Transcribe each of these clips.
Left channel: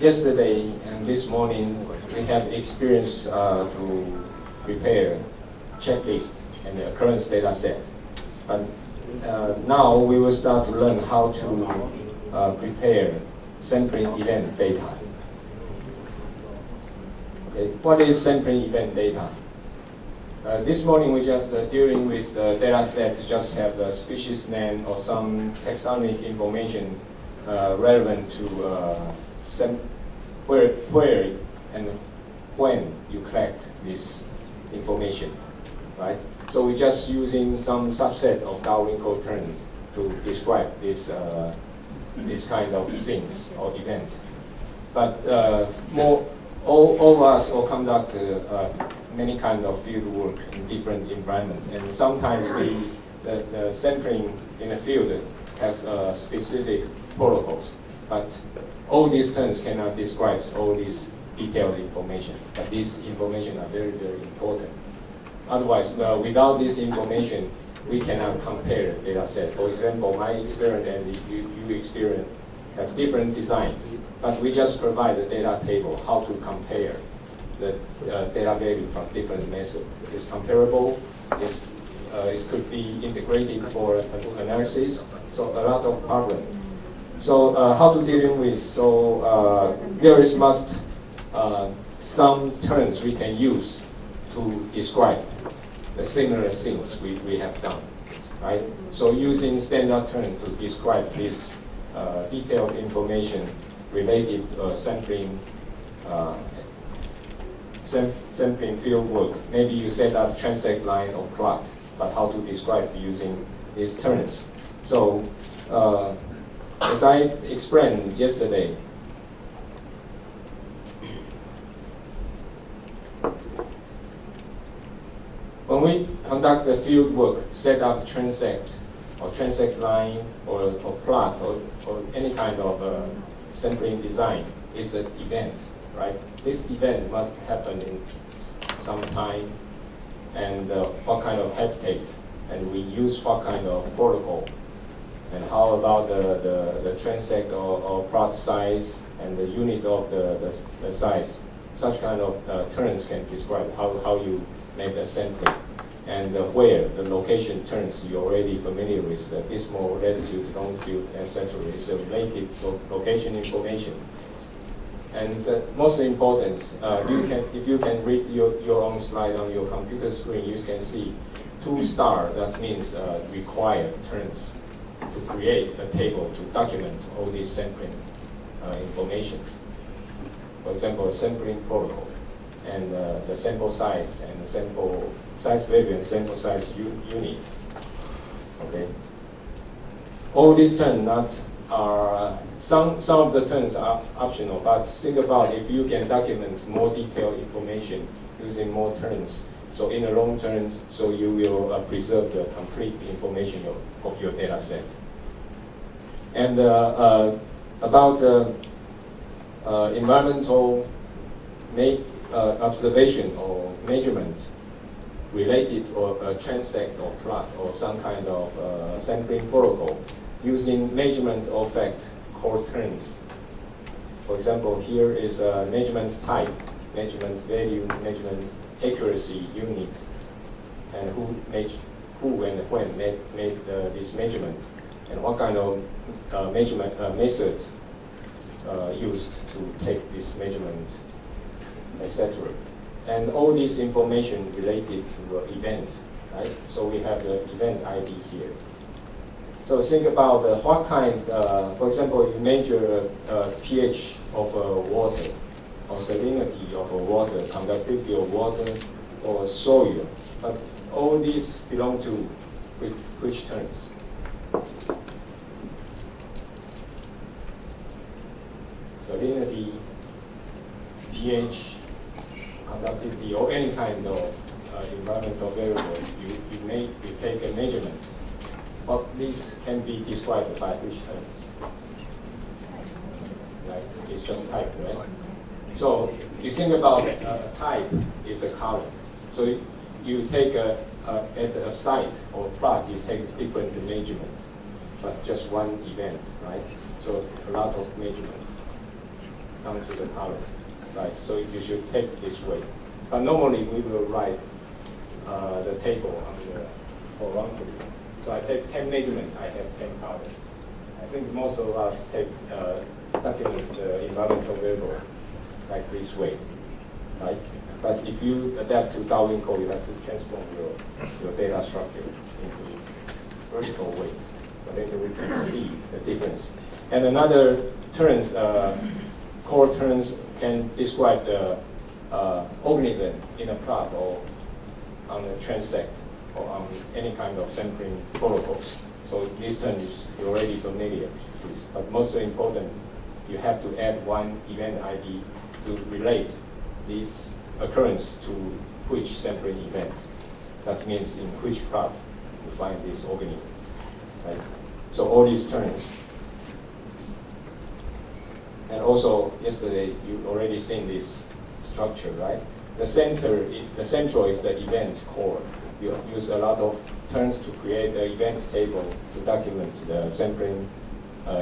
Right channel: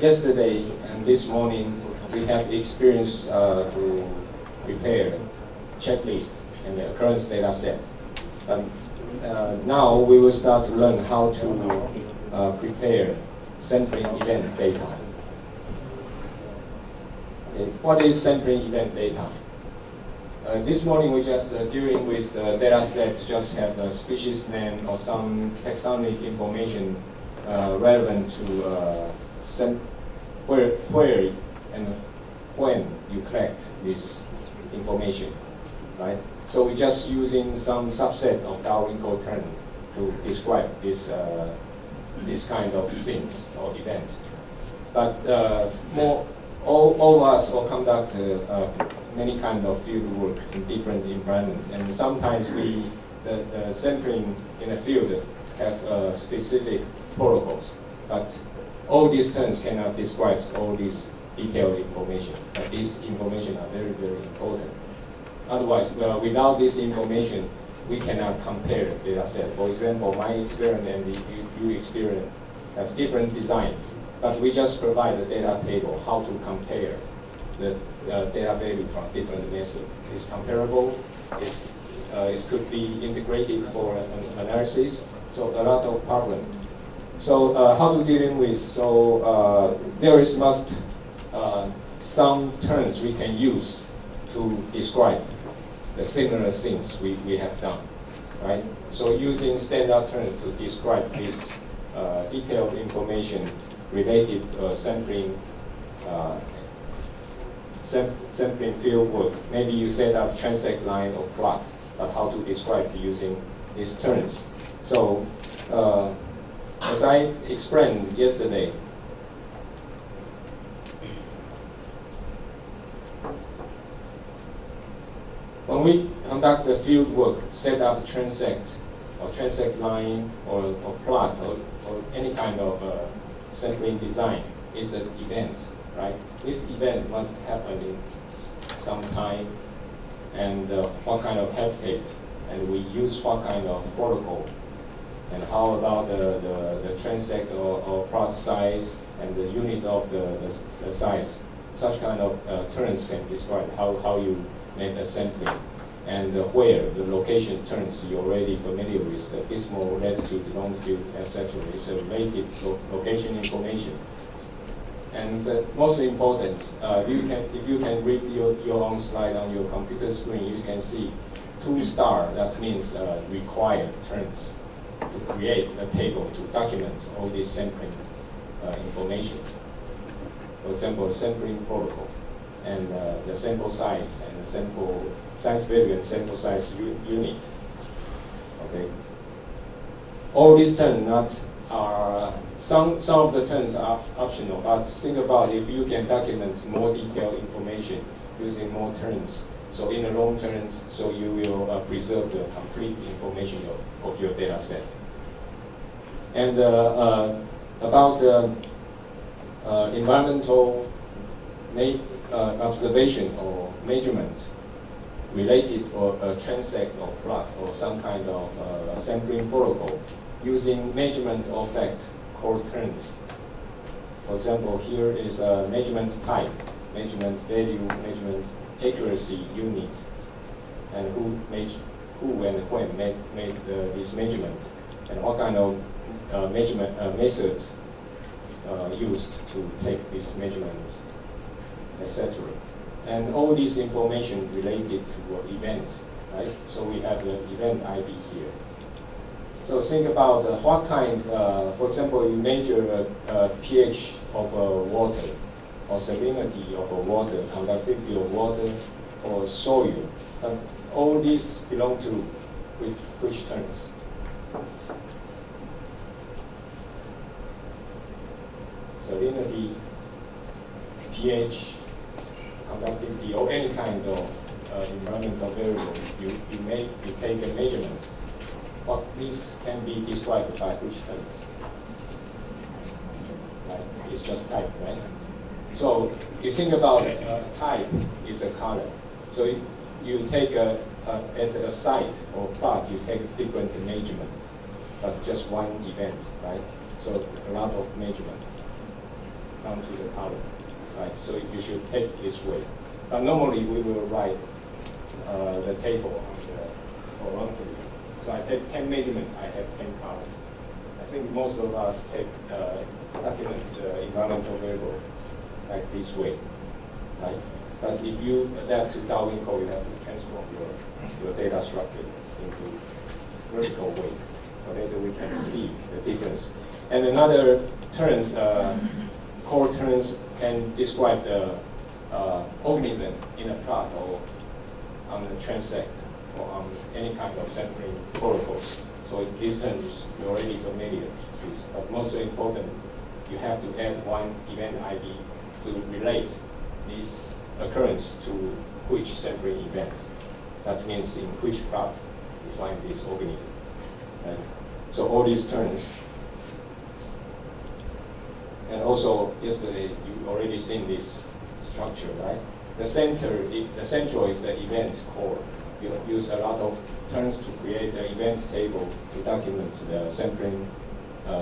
yesterday and this morning, we have experience to prepare checklist and the occurrence data set. But now we will start to learn how to prepare sampling event data. Okay. What is sampling event data? This morning we just dealing with the data set, just have the species name or some taxonomic information relevant to where and when you collect this information, right? So we're just using some subset of Darwin code term to describe this this kind of things or event. But all of us will conduct many kind of field work in different environments, and sometimes the sampling in the field have specific protocols. But all these terms cannot describe all this detailed information. But this information are very, very important. Otherwise, without this information, we cannot compare data sets. For example, my experience and your experience have different design, but we just provide the data table, how to compare the data value from different methods. It's comparable, it could be integrated for analysis, so a lot of problem. So how to deal with? So there is some terms we can use to describe the similar things we have done, right? So using standard terms to describe this detailed information related to sampling field work. Maybe you set up transect line or plot, but how to describe using these terms. So as I explained yesterday, when we conduct the field work, set up transect or transect line or plot or any kind of sampling design, it's an event, right? This event must happen in some time, and what kind of habitat, and we use what kind of protocol, and how about the transect or plot size and the unit of the size. Such kind of terms can describe how you make the sampling, and where the location terms you're already familiar with, the decimal, latitude, longitude, etc. It's a relative location information. And most important, if you can read your own slide on your computer screen, you can see 2 star, that means required terms to create a table to document all these sampling informations. For example, a sampling protocol, and the sample size, and the sample size value, and sample size unit. Okay. All these terms are some of the terms are optional, but think about if you can document more detailed information using more terms. So in the long term, so you will preserve the complete information of your data set. And about environmental observation or measurement related or transect or plot or some kind of sampling protocol using MeasurementOrFacts core terms. For example, here is a measurement type, measurement value, measurement accuracy unit, and who and when make this measurement, and what kind of measurement methods used to take this measurement, etc. And all this information related to event, right? So we have the event ID here. So think about what kind, for example, you measure pH of water, or salinity of water, conductivity of water, or soil. All these belong to which terms? Salinity, pH, conductivity, or any kind of environmental variable, you take a measurement. But these can be described by which terms? Right? It's just type, right? So you think about type is a color. So you take at a site or plot, you take different measurements, but just one event, right? So a lot of measurements. onto the column, right? So you should take this way. But normally we will write the table on the horizontally. So I take 10 measurements, I have 10 columns. I think most of us take documents the environmental variable like this way, right? But if you adapt to Darwin code, you have to transform your data structure into vertical way. So later we can see the difference. And another terms, core terms can describe the organism in a plot or on a transect or on any kind of sampling protocols. So these terms you're already familiar with. But most important, you have to add one event ID to relate this occurrence to which sampling event. That means in which plot you find this organism. Right? So all these terms. And also yesterday you already seen this structure, right? The central is the event core. You use a lot of terms to create the events table to document the sampling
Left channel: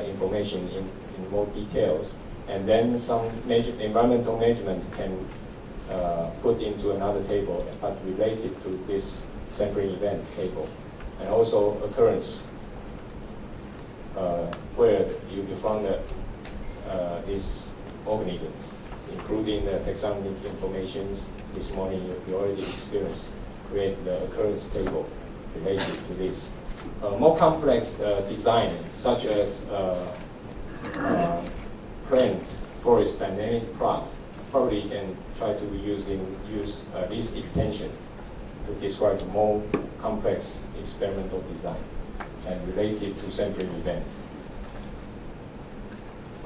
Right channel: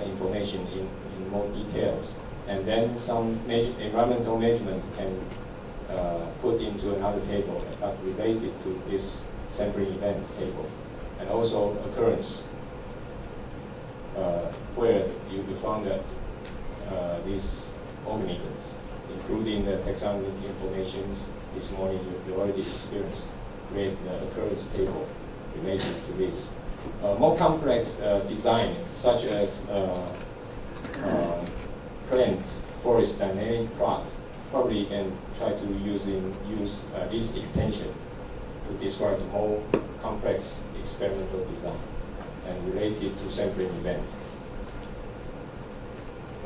information in more details. And then some environmental measurement can put into another table, but related to this sampling events table. And also occurrence, where you found these organisms, including the taxonomic informations. This morning you already experienced, create the occurrence table related to this. More complex design, such as plant forest dynamic plot, probably you can try to use this extension to describe more complex experimental design and related to sampling event.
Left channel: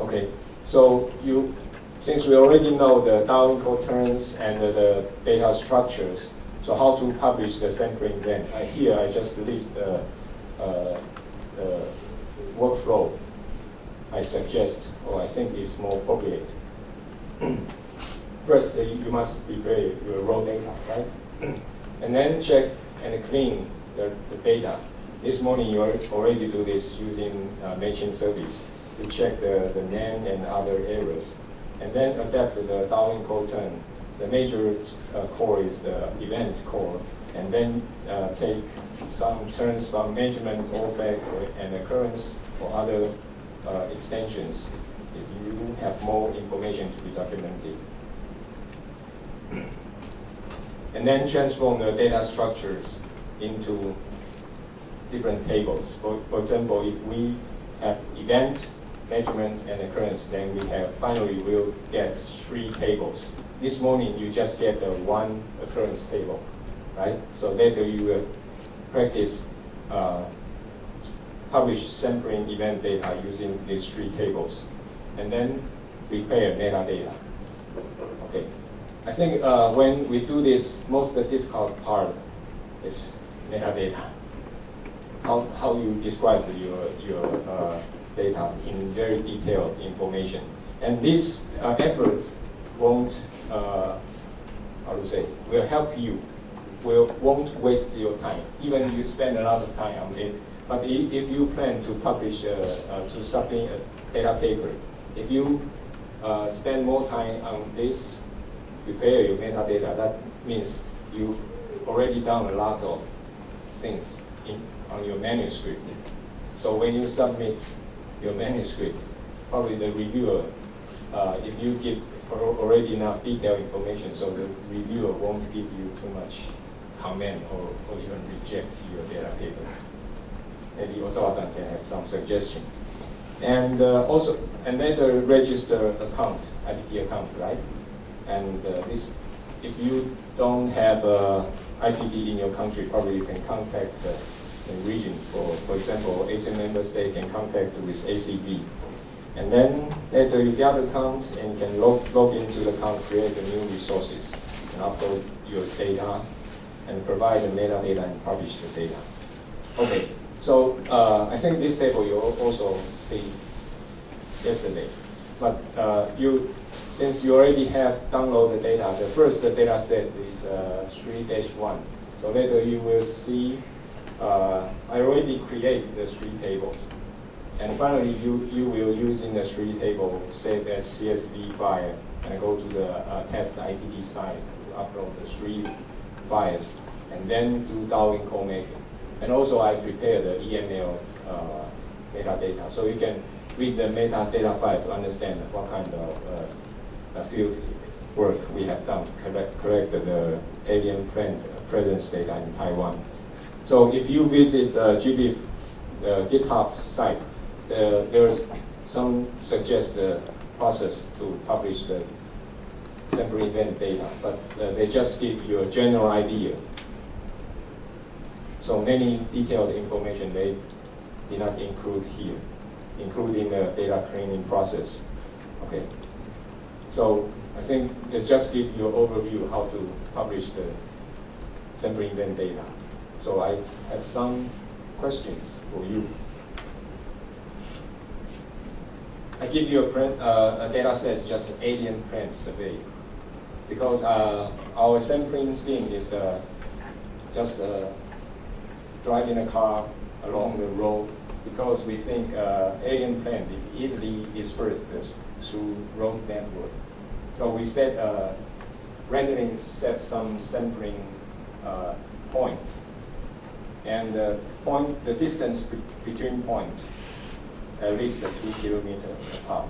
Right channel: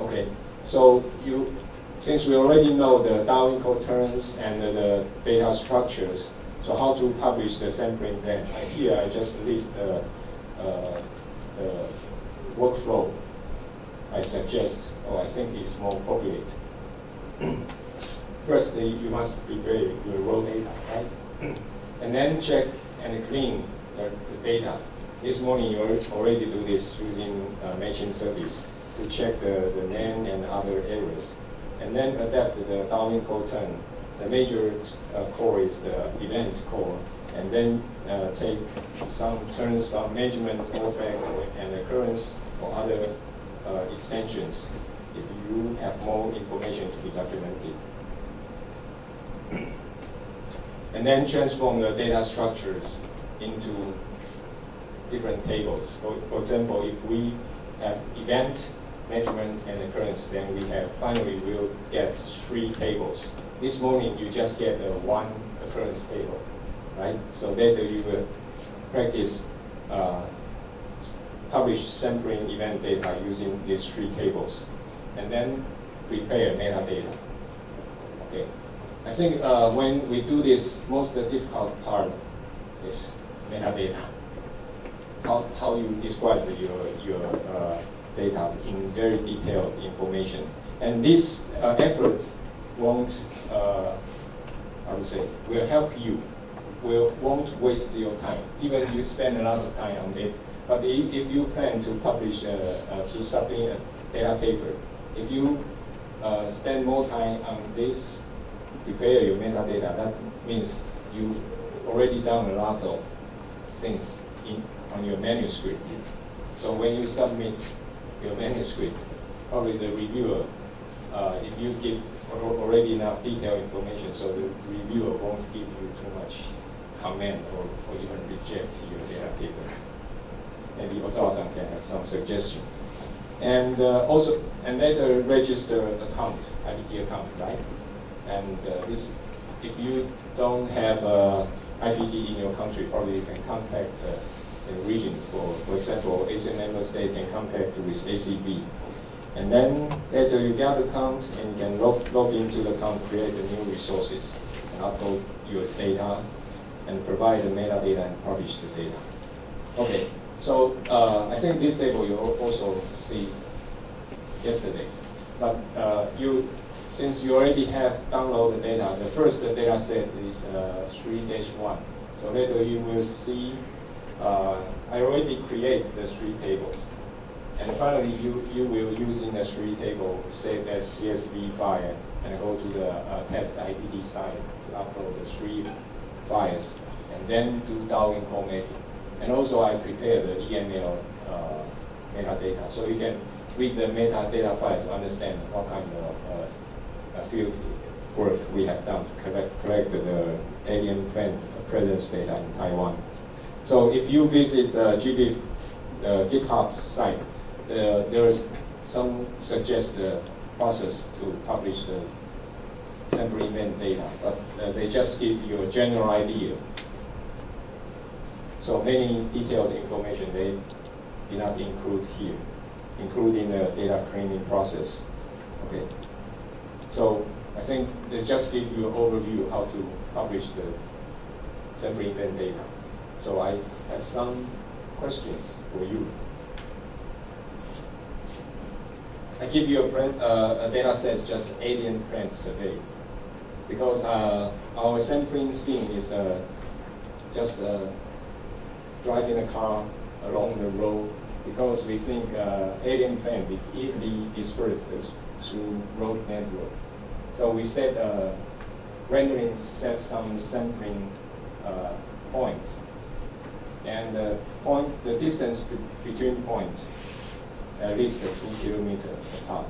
Okay, so since we already know the Darwin code terms and the data structures, so how to publish the sampling event? Here I just list the workflow I suggest, or I think is more appropriate. First, you must prepare your raw data, right? And then check and clean the data. This morning you already do this using matching service to check the name and other errors. And then adapt the Darwin code term. The major core is the event core. And then take some terms from MeasurementOrFacts and Occurrence or other extensions if you have more information to be documented. And then transform the data structures into different tables. For example, if we have event, measurement, and occurrence, then finally we'll get 3 tables. This morning you just get one occurrence table, right? So later you will practice publish sampling event data using these 3 tables, and then prepare metadata. Okay, I think when we do this, most difficult part is metadata. How you describe your data in very detailed information, and this effort won't will help you. Won't waste your time, even you spend a lot of time on it. But if you plan to publish to submit a data paper, if you spend more time on this, prepare your metadata, that means you already done a lot of things on your manuscript. So when you submit your manuscript, probably the reviewer, if you give already enough detailed information, so the reviewer won't give you too much comment or even reject your data paper. Maybe Osawa-san can have some suggestion. And also, and later register account, IPT account, right? And this, if you don't have IPT in your country, probably you can contact the region. For example, ASEAN member state can contact with ACB. And then later you get the account and you can log into the account, create the new resources, and upload your data, and provide the metadata and publish the data. Okay, so I think this table you also see yesterday. But since you already have downloaded the data, the first data set is 3-1. So later you will see, I already created the 3 tables. And finally, you will using the 3 table save as CSV file and go to the test IDD site to upload the 3 files and then do Darwin code making. And also I prepared the EML metadata, so you can read the metadata file to understand what kind of field work we have done to collect the alien plant presence data in Taiwan. So if you visit the GBIF GitHub site, there's some suggested process to publish the sample event data, but they just give you a general idea. So many detailed information they did not include here, including the data cleaning process. Okay. So I think it just gives you an overview how to publish the sample event data. So I have some questions for you. I give you a data set, just alien plant survey, because our sampling scheme is just driving a car along the road, because we think alien plant is easily dispersed through road network. So we set rendering set some sampling point, and the distance between point at least 2 kilometers apart.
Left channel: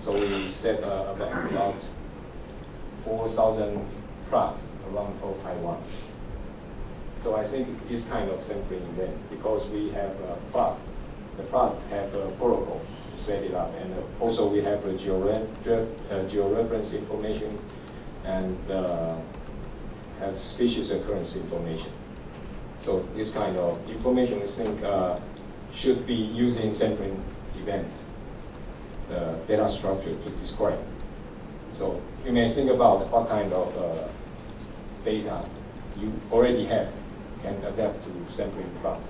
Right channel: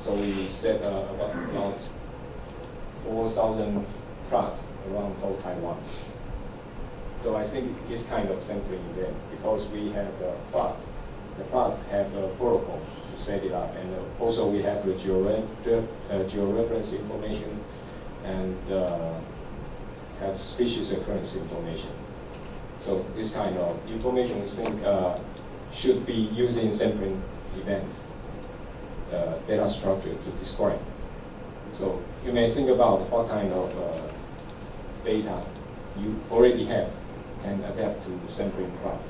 So we set about 4,000 plot around whole Taiwan. So I think this kind of sampling event, because we have a plot, the plot have a protocol to set it up, and also we have the georeference information and have species occurrence information. So this kind of information we think should be used in sampling event data structure to describe. So you may think about what kind of data you already have can adapt to sampling plot.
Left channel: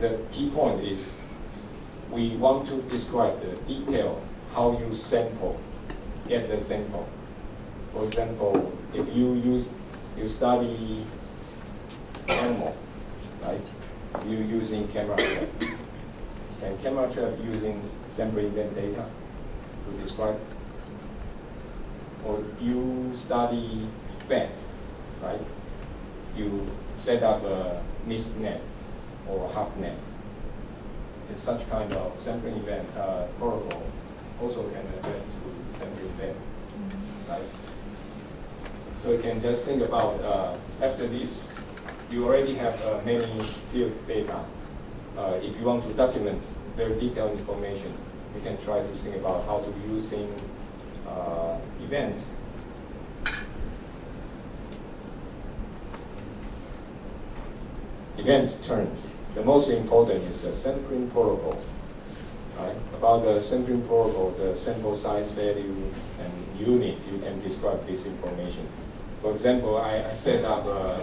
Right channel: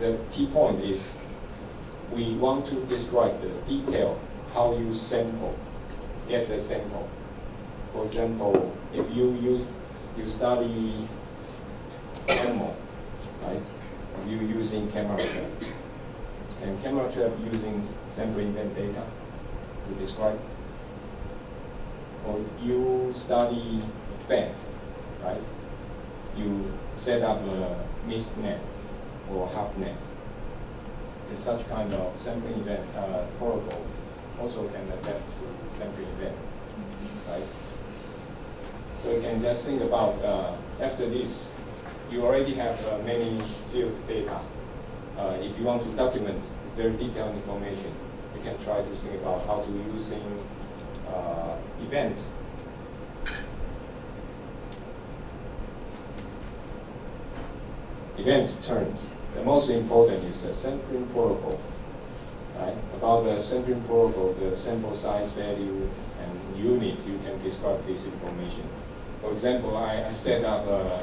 The key point is we want to describe the detail how you get the sample. For example, if you study animal, right? If you're using camera trap, and camera trap using sample event data to describe, or you study bat, right? You set up a mist net or half net. It's such kind of sampling event protocol also can adapt to sampling event, right? So you can just think about after this, you already have many field data. If you want to document very detailed information, you can try to think about how to using event terms. The most important is the sampling protocol. Right? About the sampling protocol, the sample size, value, and unit, you can describe this information. For example, I set up a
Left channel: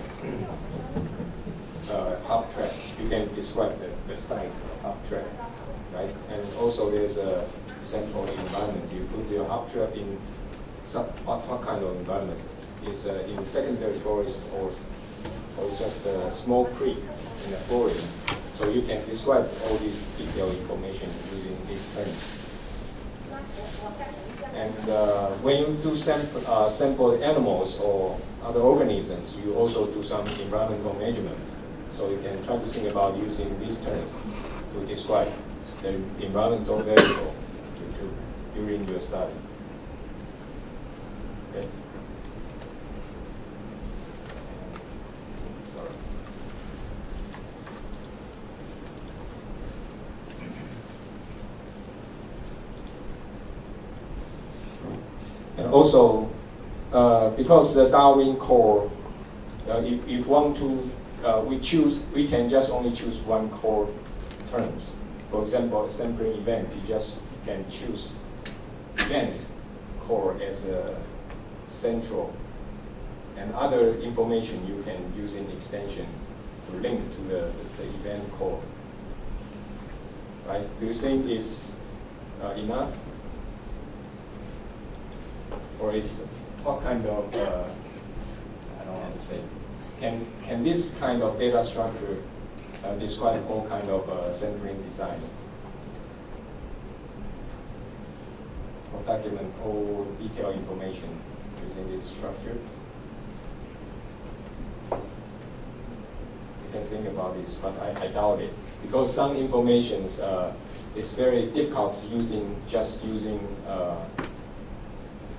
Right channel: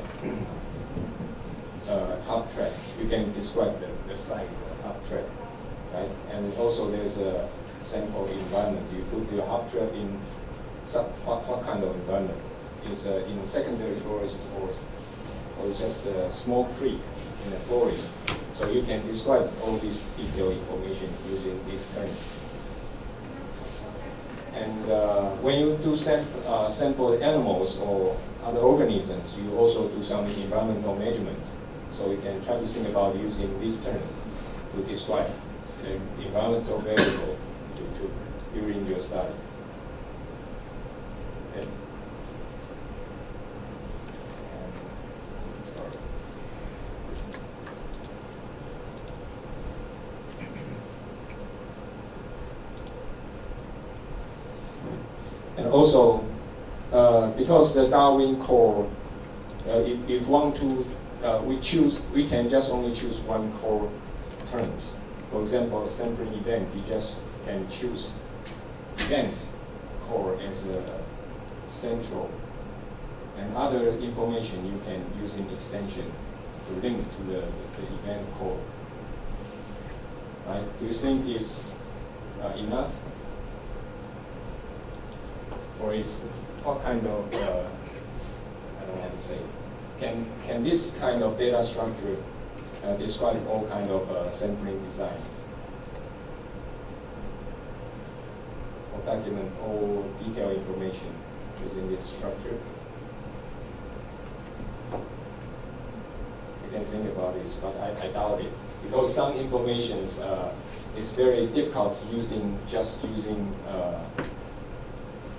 hub track. You can describe the size of hub track, right? And also there's a sample environment. You put your hub track in what kind of environment? Is in secondary forest or just a small creek in the forest. So you can describe all this detailed information using these terms. And when you do sample animals or other organisms, you also do some environmental measurement. So you can try to think about using these terms to describe the environmental variable during your studies. Okay. And also, because the Darwin core, if want to, we can just only choose one core terms. For example, sampling event, you just can choose event core as a central, and other information you can use in extension to link to the event core. Right? Do you think it's enough? Or is what kind of, I don't want to say, can this kind of data structure describe all kind of sampling design? Or document all detailed information using this structure? You can think about this, but I doubt it. Because some information is very difficult using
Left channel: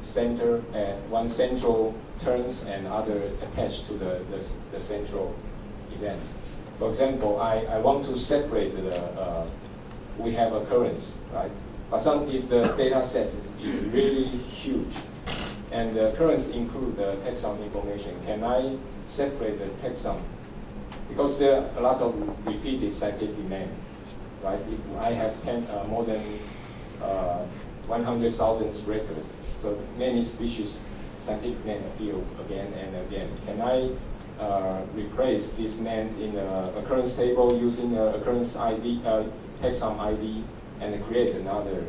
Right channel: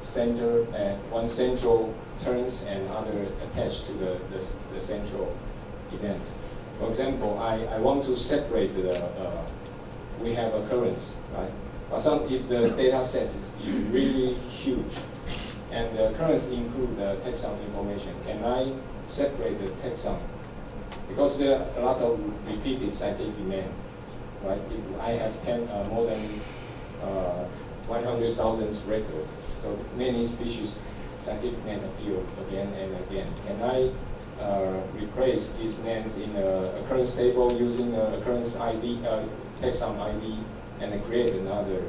center one central terms and other attached to the central event. For example, I want to separate we have occurrence, right? But if the data set is really huge and the occurrence include the taxon information, can I separate the taxon? Because there are a lot of repeated scientific names, right? If I have more than 100,000 records, so many species scientific names appear again and again. Can I replace these names in the occurrence table using occurrence ID, taxon ID, and create another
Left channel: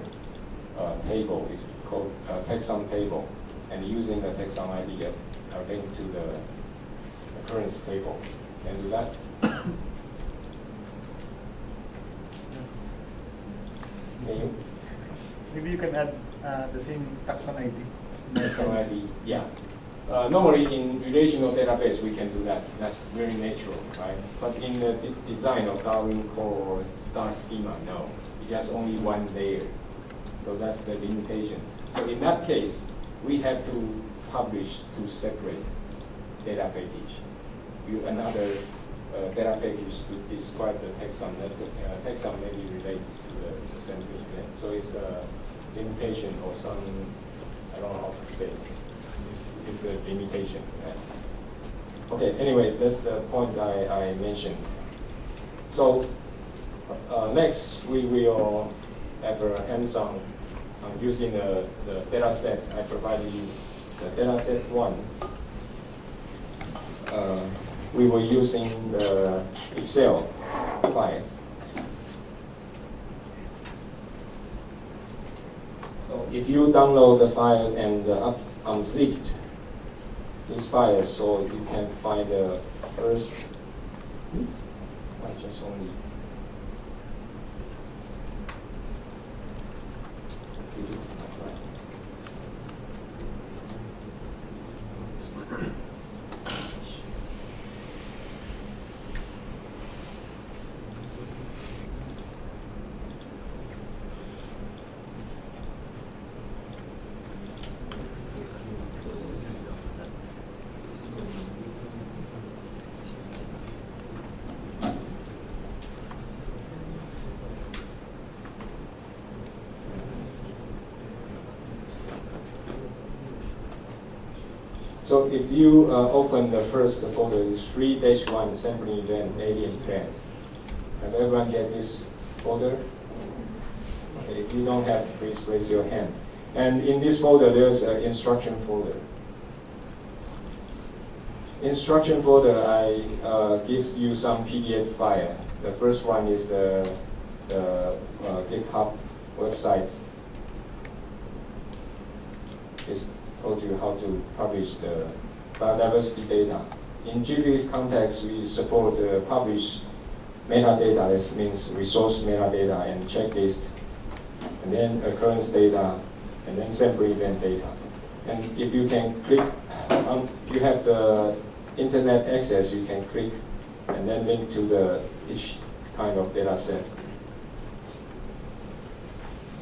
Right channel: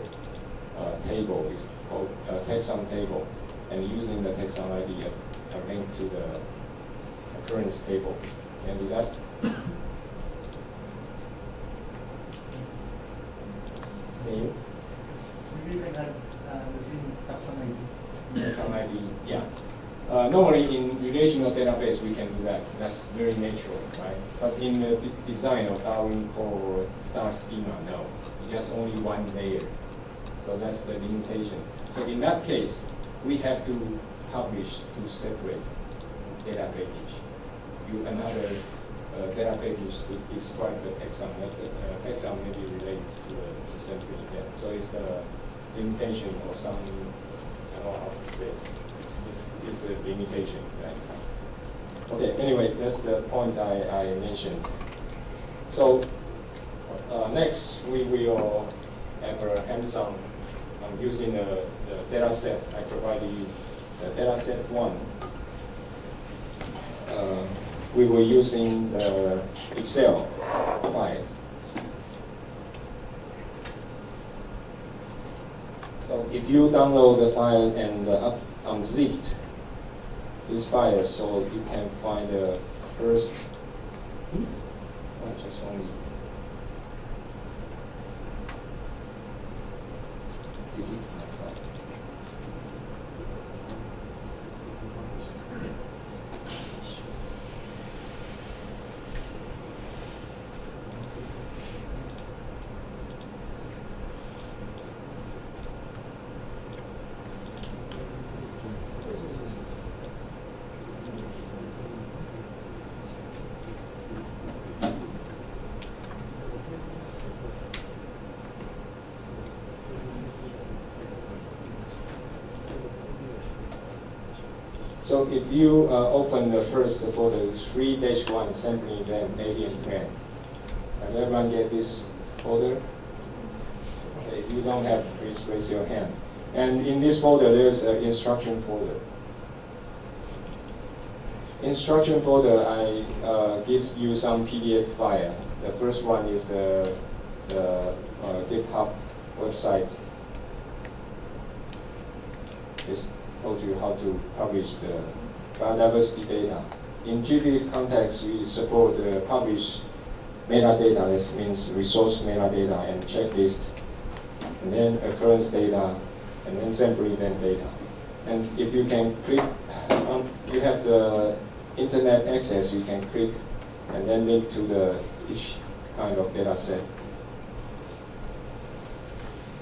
table? It's called taxon table, and using the taxon ID link to the occurrence table. Can do that? Can you? Maybe you can add the same taxon ID. Taxon ID, yeah. Normally in relational database we can do that. That's very natural, right? But in the design of Darwin core star schema, no. It's just only one layer. So that's the limitation. So in that case, we have to publish two separate data package. Another data package to describe the taxon. Taxon may be related to the sampling event. So it's a limitation for some, I don't know how to say. It's a limitation. Right? Okay, anyway, that's the point I mentioned. So next, we will have a hands-on using the data set. I provided you the data set 1. We were using the Excel files. So if you download the file and unzipped this file, so you can find the first. I just only delete my file. So if you open the first folder, it's 3-1 sampling event, alien plan. Have everyone get this folder? Okay, if you don't have, please raise your hand. And in this folder, there's an instruction folder. Instruction folder, gives you some PDF file. The first one is the GitHub website. It's told you how to publish the biodiversity data. In GBIF context, we support publish metadata. This means resource metadata and checklist, and then occurrence data, and then sample event data. And if you can click, you have the internet access, you can click and then link to each kind of data set.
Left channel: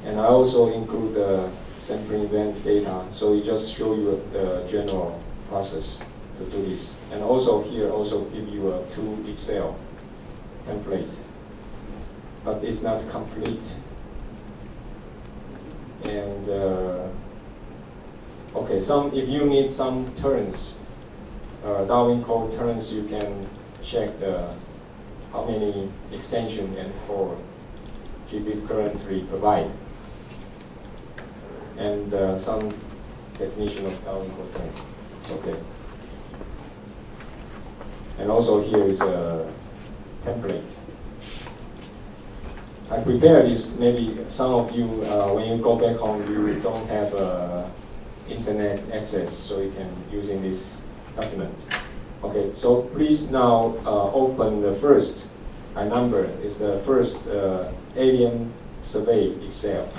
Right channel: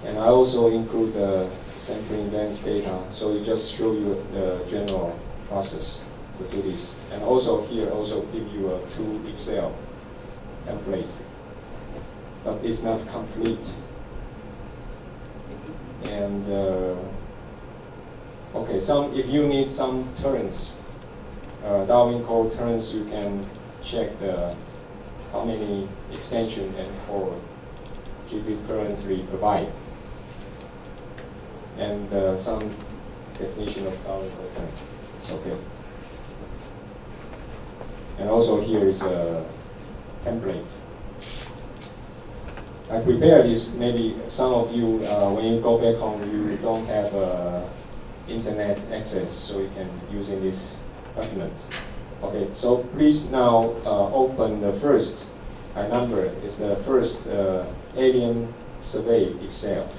And I also include the sampling events data, so it just show you the general process to do this. And also here also give you a 2 Excel template, but it's not complete. And okay, if you need some terms, Darwin code terms, you can check how many extension and for GBIF currently provide. And some definition of Darwin code terms. Okay. And also here is a template. I prepared this. Maybe some of you, when you go back home, you don't have internet access, so you can using this document. Okay, so please now open the first. I number is the first alien survey Excel.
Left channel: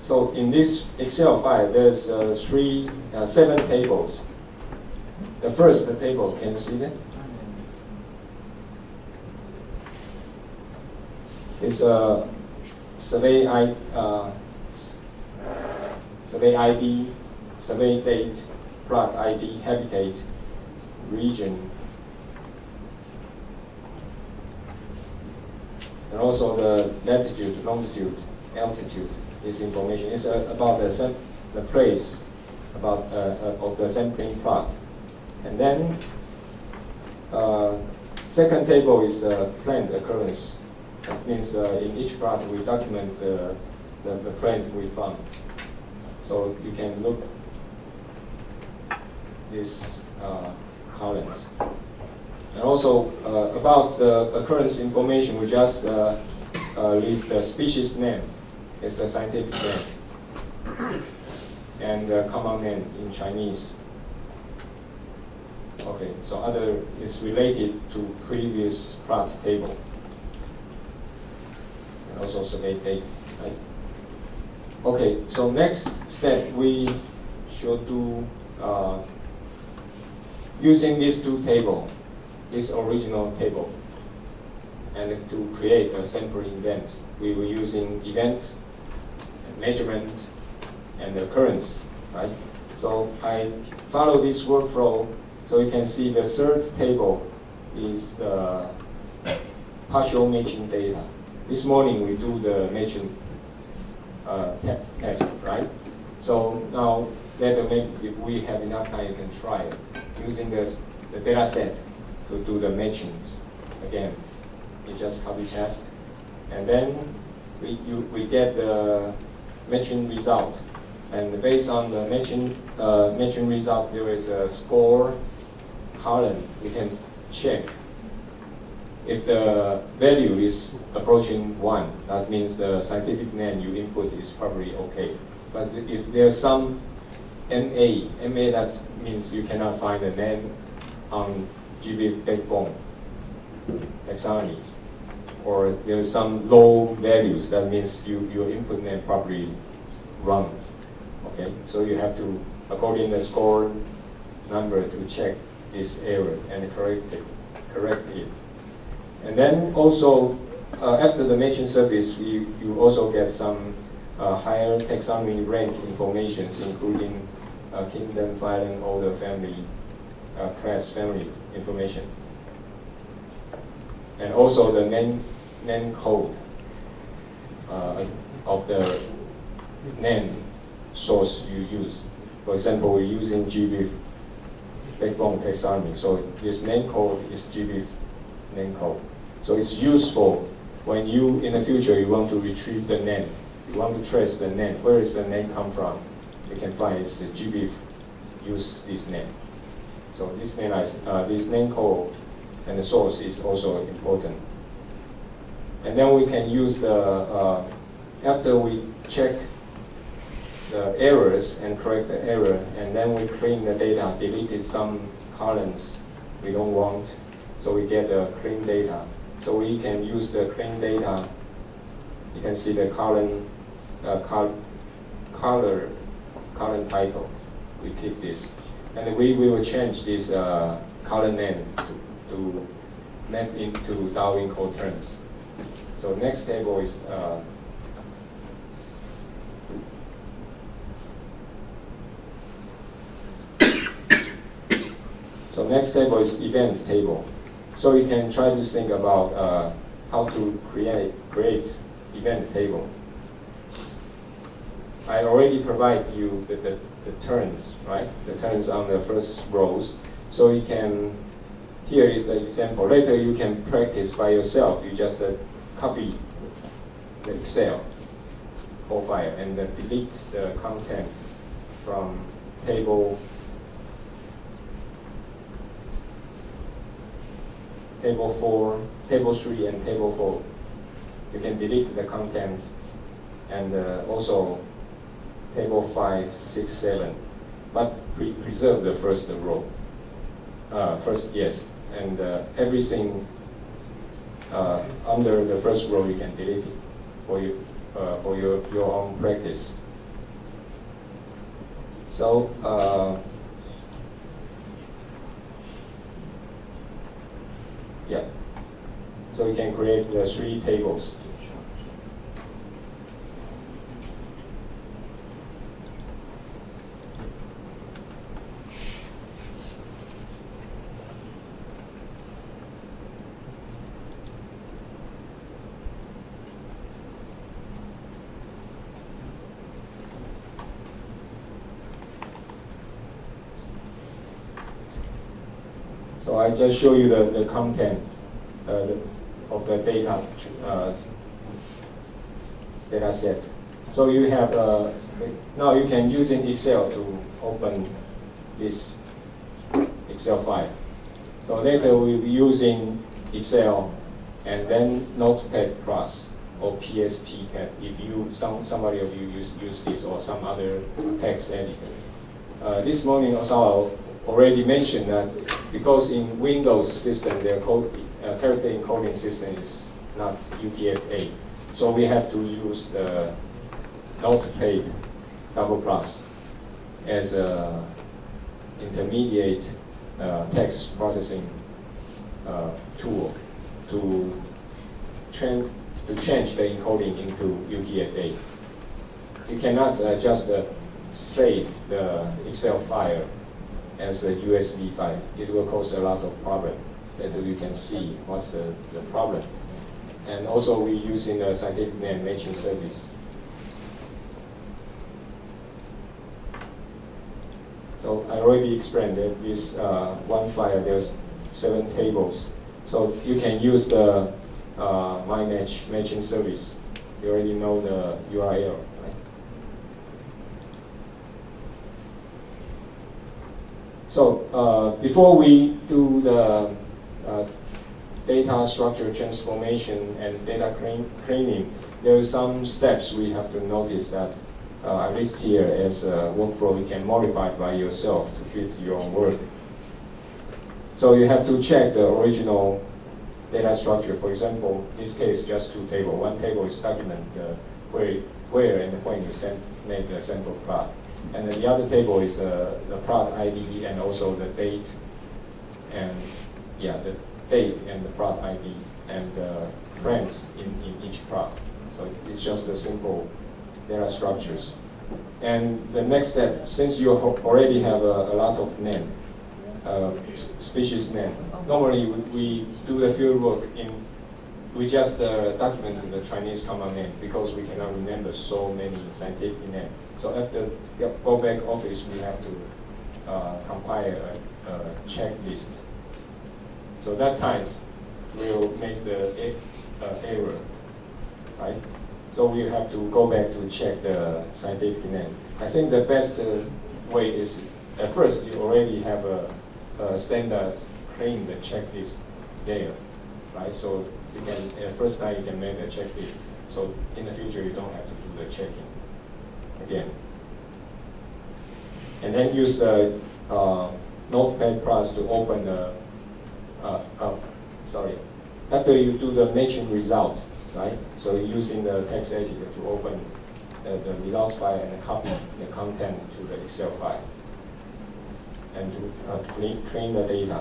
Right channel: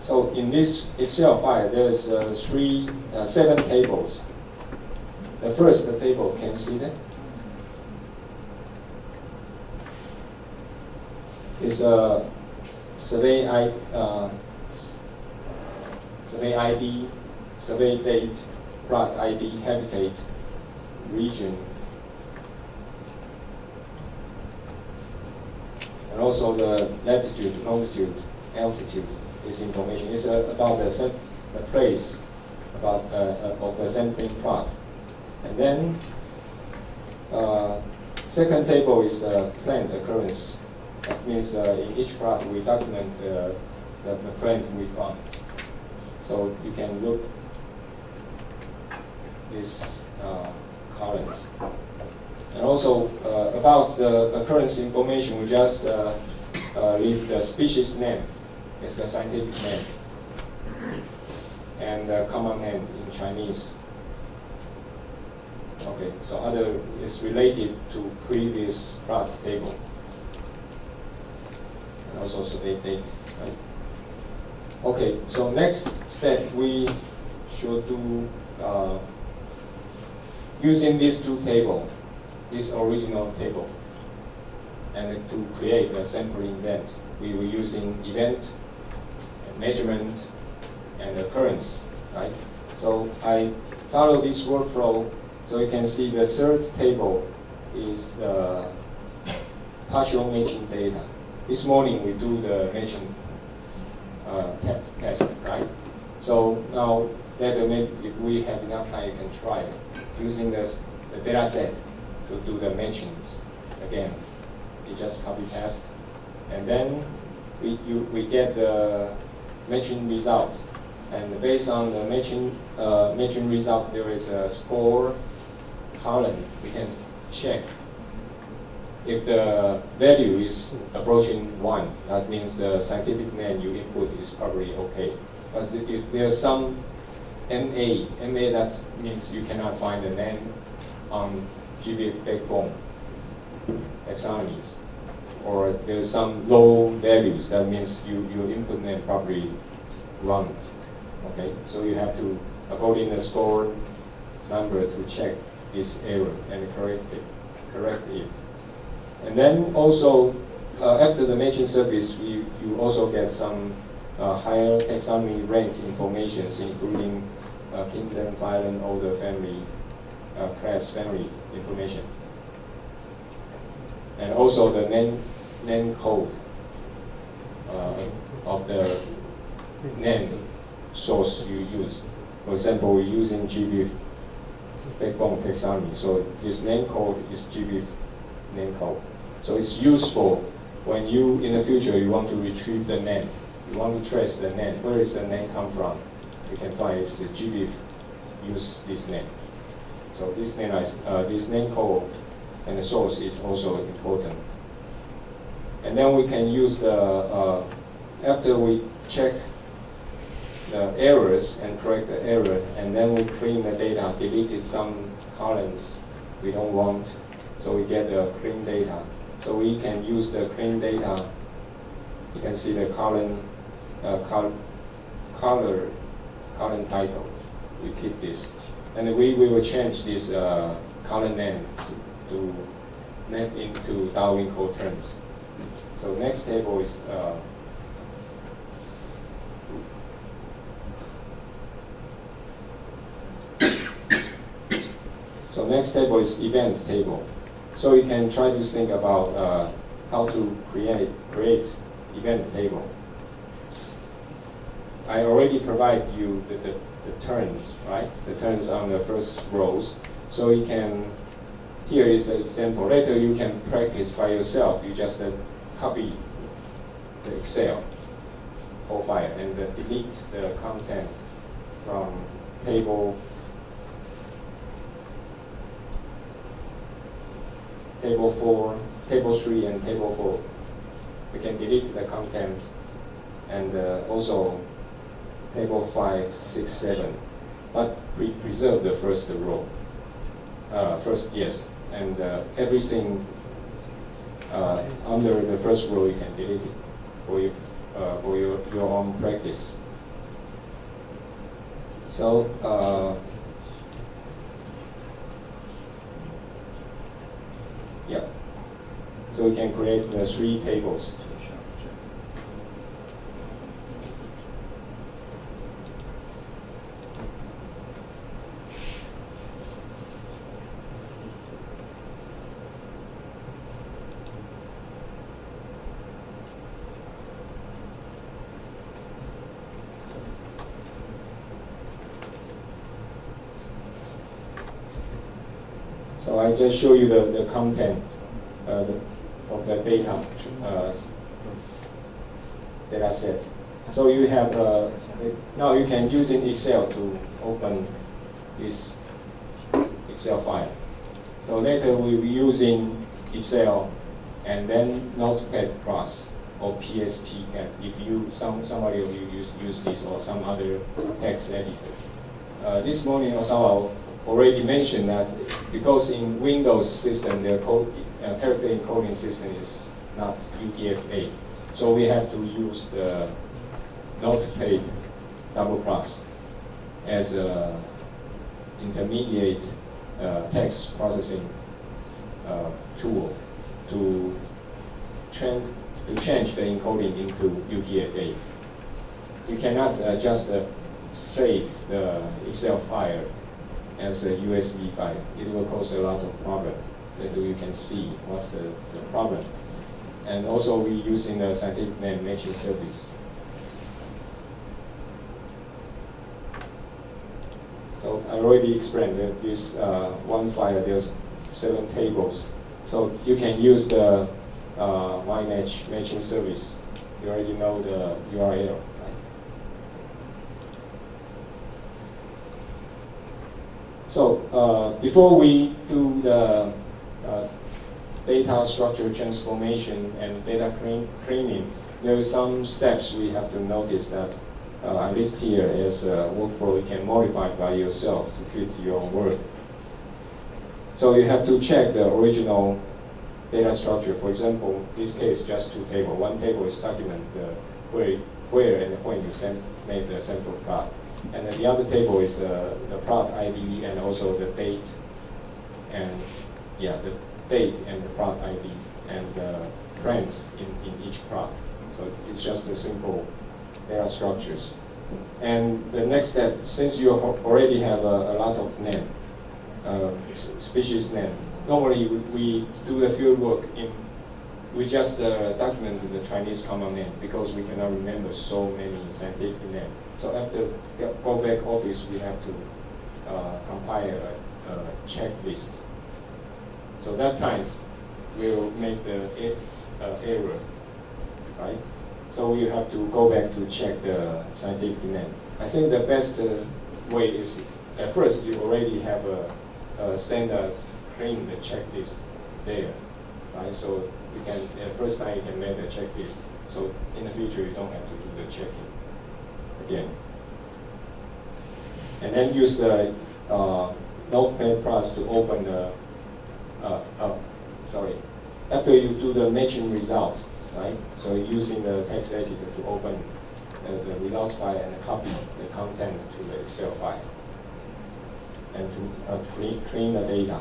So in this Excel file, there's seven tables. The first table, can you see that? It's a survey ID, survey date, plot ID, habitat, region, and also the latitude, longitude, altitude. This information is about the place of the sampling plot. And then second table is the planned occurrence. That means in each plot we document the plant we found. So you can look these columns. And also about the occurrence information, we just leave the species name. It's a scientific name and the common name in Chinese. Okay, so other is related to previous plot table. And also survey date, right? Okay, so next step we should do using these two tables, this original table, and to create a sampling event. We were using event, measurement, and occurrence, right? So I follow this workflow. So you can see the third table is the partial matching data. This morning we do the matching test, right? So now that if we have enough time, you can try it using the data set to do the matchings again. You just copy paste, and then we get the matching result. And based on the matching result, there is a score column. We can check if the value is approaching 1. That means the scientific name you input is probably okay. But if there's some MA that means you cannot find the name on GBIF backbone taxonomies, or there's some low values, that means your input name probably wrong. Okay, so you have to, according to the score number, to check this error and correct it. And then also, after the matching service, you also get some higher taxonomy rank information, including kingdom, phylum, order, family, class, family information. And also the name code of the name source you use. For example, we're using GBIF backbone taxonomy, so this name code is GBIF name code. So it's useful when you, in the future, you want to retrieve the name. You want to trace the name. Where is the name come from? You can find it's the GBIF use this name. So this name code and the source is also important. And then we can use the, after we check the errors and correct the error, and then we clean the data, deleted some columns we don't want, so we get the clean data. So we can use the clean data. You can see the column title. We keep this, and we will change this column name to map into Darwin code terms. So next table is so next table is event table. So you can try to think about how to create event table. I already provide you the terms, right? The terms on the first rows. So you can, here is the example. Later you can practice by yourself. You just copy the Excel file and delete the content from table table 4, table 3, and table 4. You can delete the content, and also table 5, 6, 7, but preserve the first row. Yes, and everything under the first row you can delete it for your own practice. So yeah, so we can create the 3 tables. So I just show you the content of the data set. So you have now you can use in Excel to open this Excel file. So later we'll be using Excel and then Notepad Plus or PSP Pad if somebody of you use this or some other text editor. This morning also I already mentioned that because in Windows system their character encoding system is not UTF-8, so we have to use the Notepad Plus as a intermediate text processing tool to change the encoding into UTF-8. You cannot just save the Excel file as a USB file. It will cause a lot of problem. Later you can see what's the problem. And also we're using the scientific name matching service. So I already explained that this one file, there's 7 tables. So you can use the matching service. You already know the URL, right? So before we do the data structure transformation and data cleaning, there are some steps we have to notice that at least here as a workflow you can modify by yourself to fit your work. So you have to check the original data structure. For example, in this case, just 2 tables. One table is document where and when you made the sample plot. And then the other table is the plot ID and also the date and the date and the plot ID and the trends in each plot. So it's just a simple data structures. And the next step, since you already have a lot of name, species name, normally we do the field work we just document the Chinese common name because we cannot remember so many scientific names. So after go back office, we have to compile a checklist. So that times we'll make the error, right? So we have to go back to check the scientific name. I think the best way is at first you already have a standard clean the checklist there, right? So you can first time you can make the checklist. So in the future you don't have to do the checking again. And then use the Notepad Plus to open the after you do the matching result, right? So using the text editor to open the results file and copy the content to the Excel file and to clean the data.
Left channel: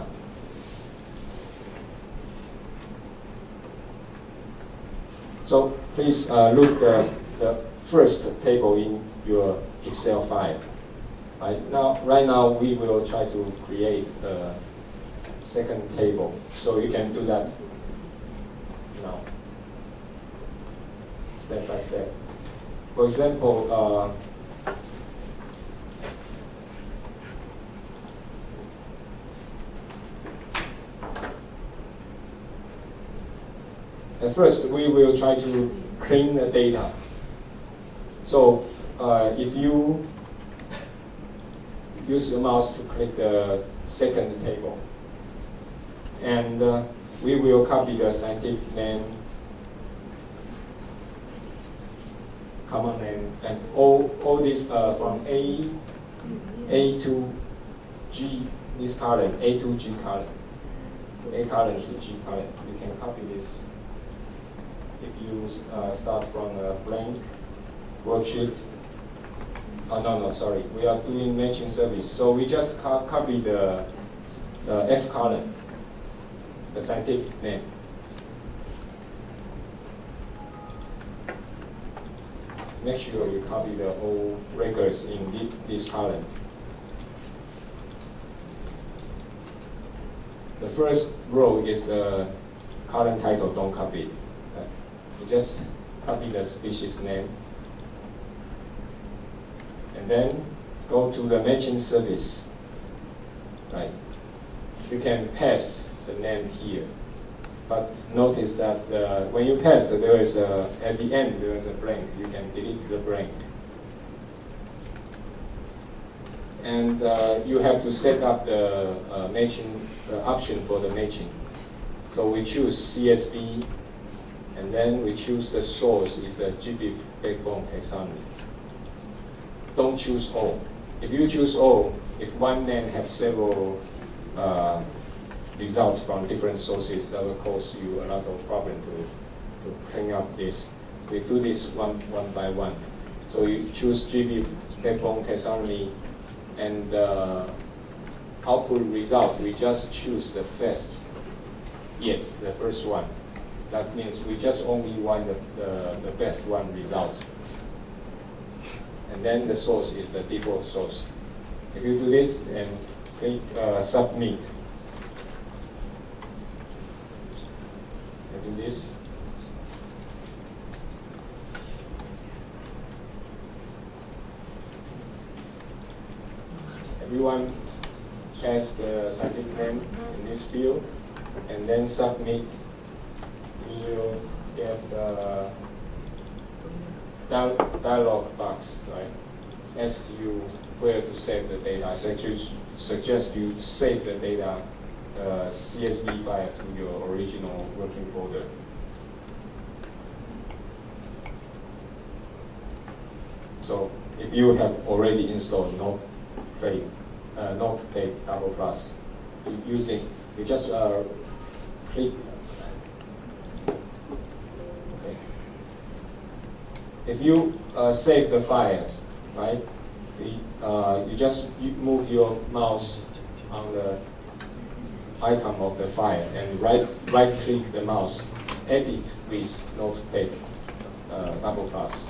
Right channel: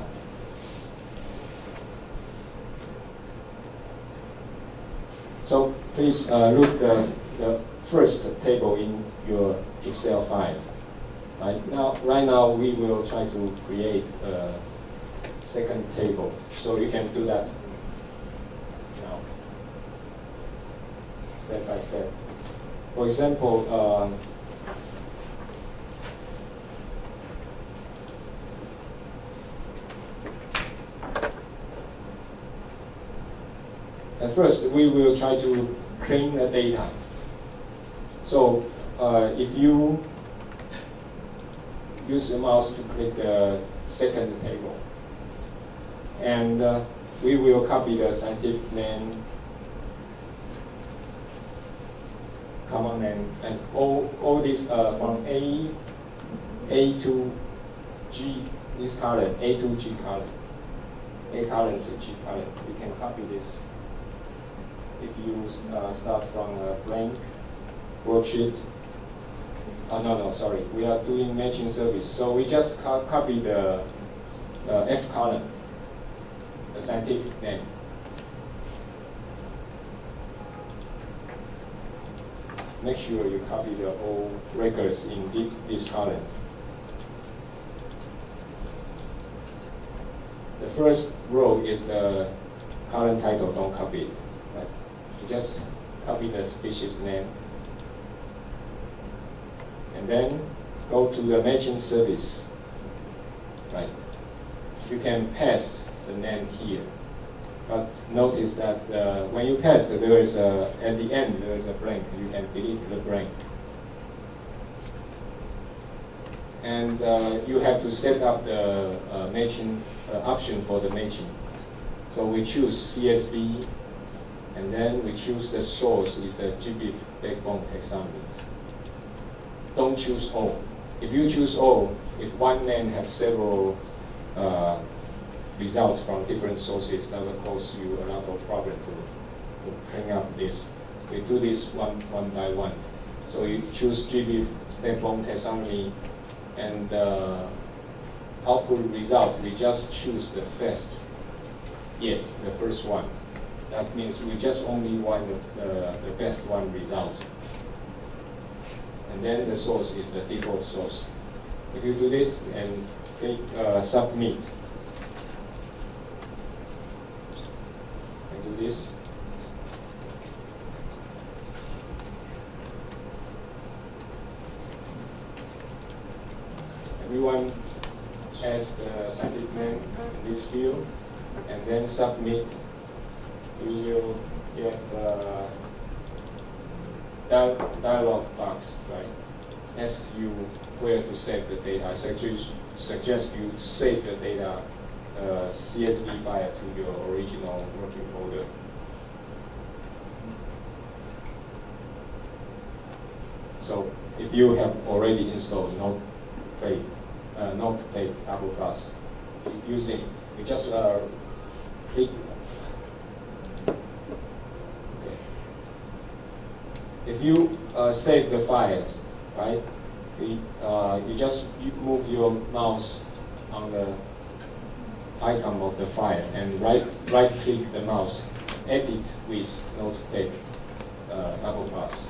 So please look the first table in your Excel file. Right now we will try to create a second table. So you can do that now, step by step. For example, at first, we will try to clean the data. So if you use your mouse to click the second table, and we will copy the scientific name, common name, and all this from A to G, this column, A to G column, A column to G column. You can copy this. If you start from a blank worksheet. Oh, no, sorry. We are doing matching service. So we just copy the F column, the scientific name. Make sure you copy the all records in this column. The first row is the column title, don't copy it. Right? You just copy the species name. And then go to the matching service. Right? You can paste the name here. But notice that when you paste, there is at the end there is a blank. You can delete the blank. And you have to set up the matching option for the matching. So we choose CSV, and then we choose the source is the GBIF backbone taxonomy. Don't choose all. If you choose all, if one name has several results from different sources, that will cause you a lot of problem to clean up this. We do this one by one. So you choose GBIF backbone taxonomy, and output result, we just choose the first. Yes, the first one. That means we just only want the best one result. And then the source is the default source. If you do this and click submit, and do this, everyone has the scientific name in this field, and then submit. You will get the dialog box, right? Asks you where to save the data. I suggest you save the data CSV file to your original working folder. So if you have already installed Notepad Apple Plus, you just click. Okay. If you save the files, right? You just move your mouse on the icon of the file and right click the mouse, edit with Notepad Apple Plus.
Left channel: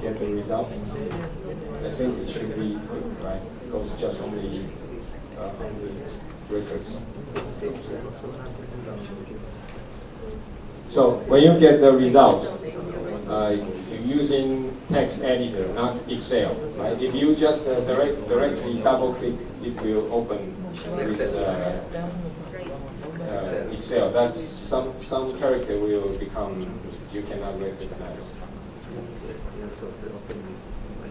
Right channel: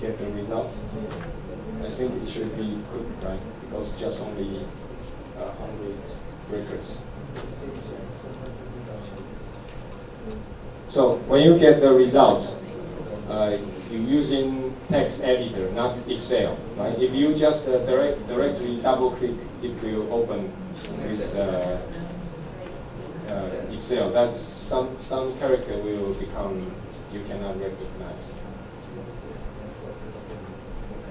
Get the result. I think it should be quick, right? Because just only 100 records. So when you get the result, you're using text editor, not Excel, right? If you just directly double click, it will open with Excel. That's some character will become you cannot recognize.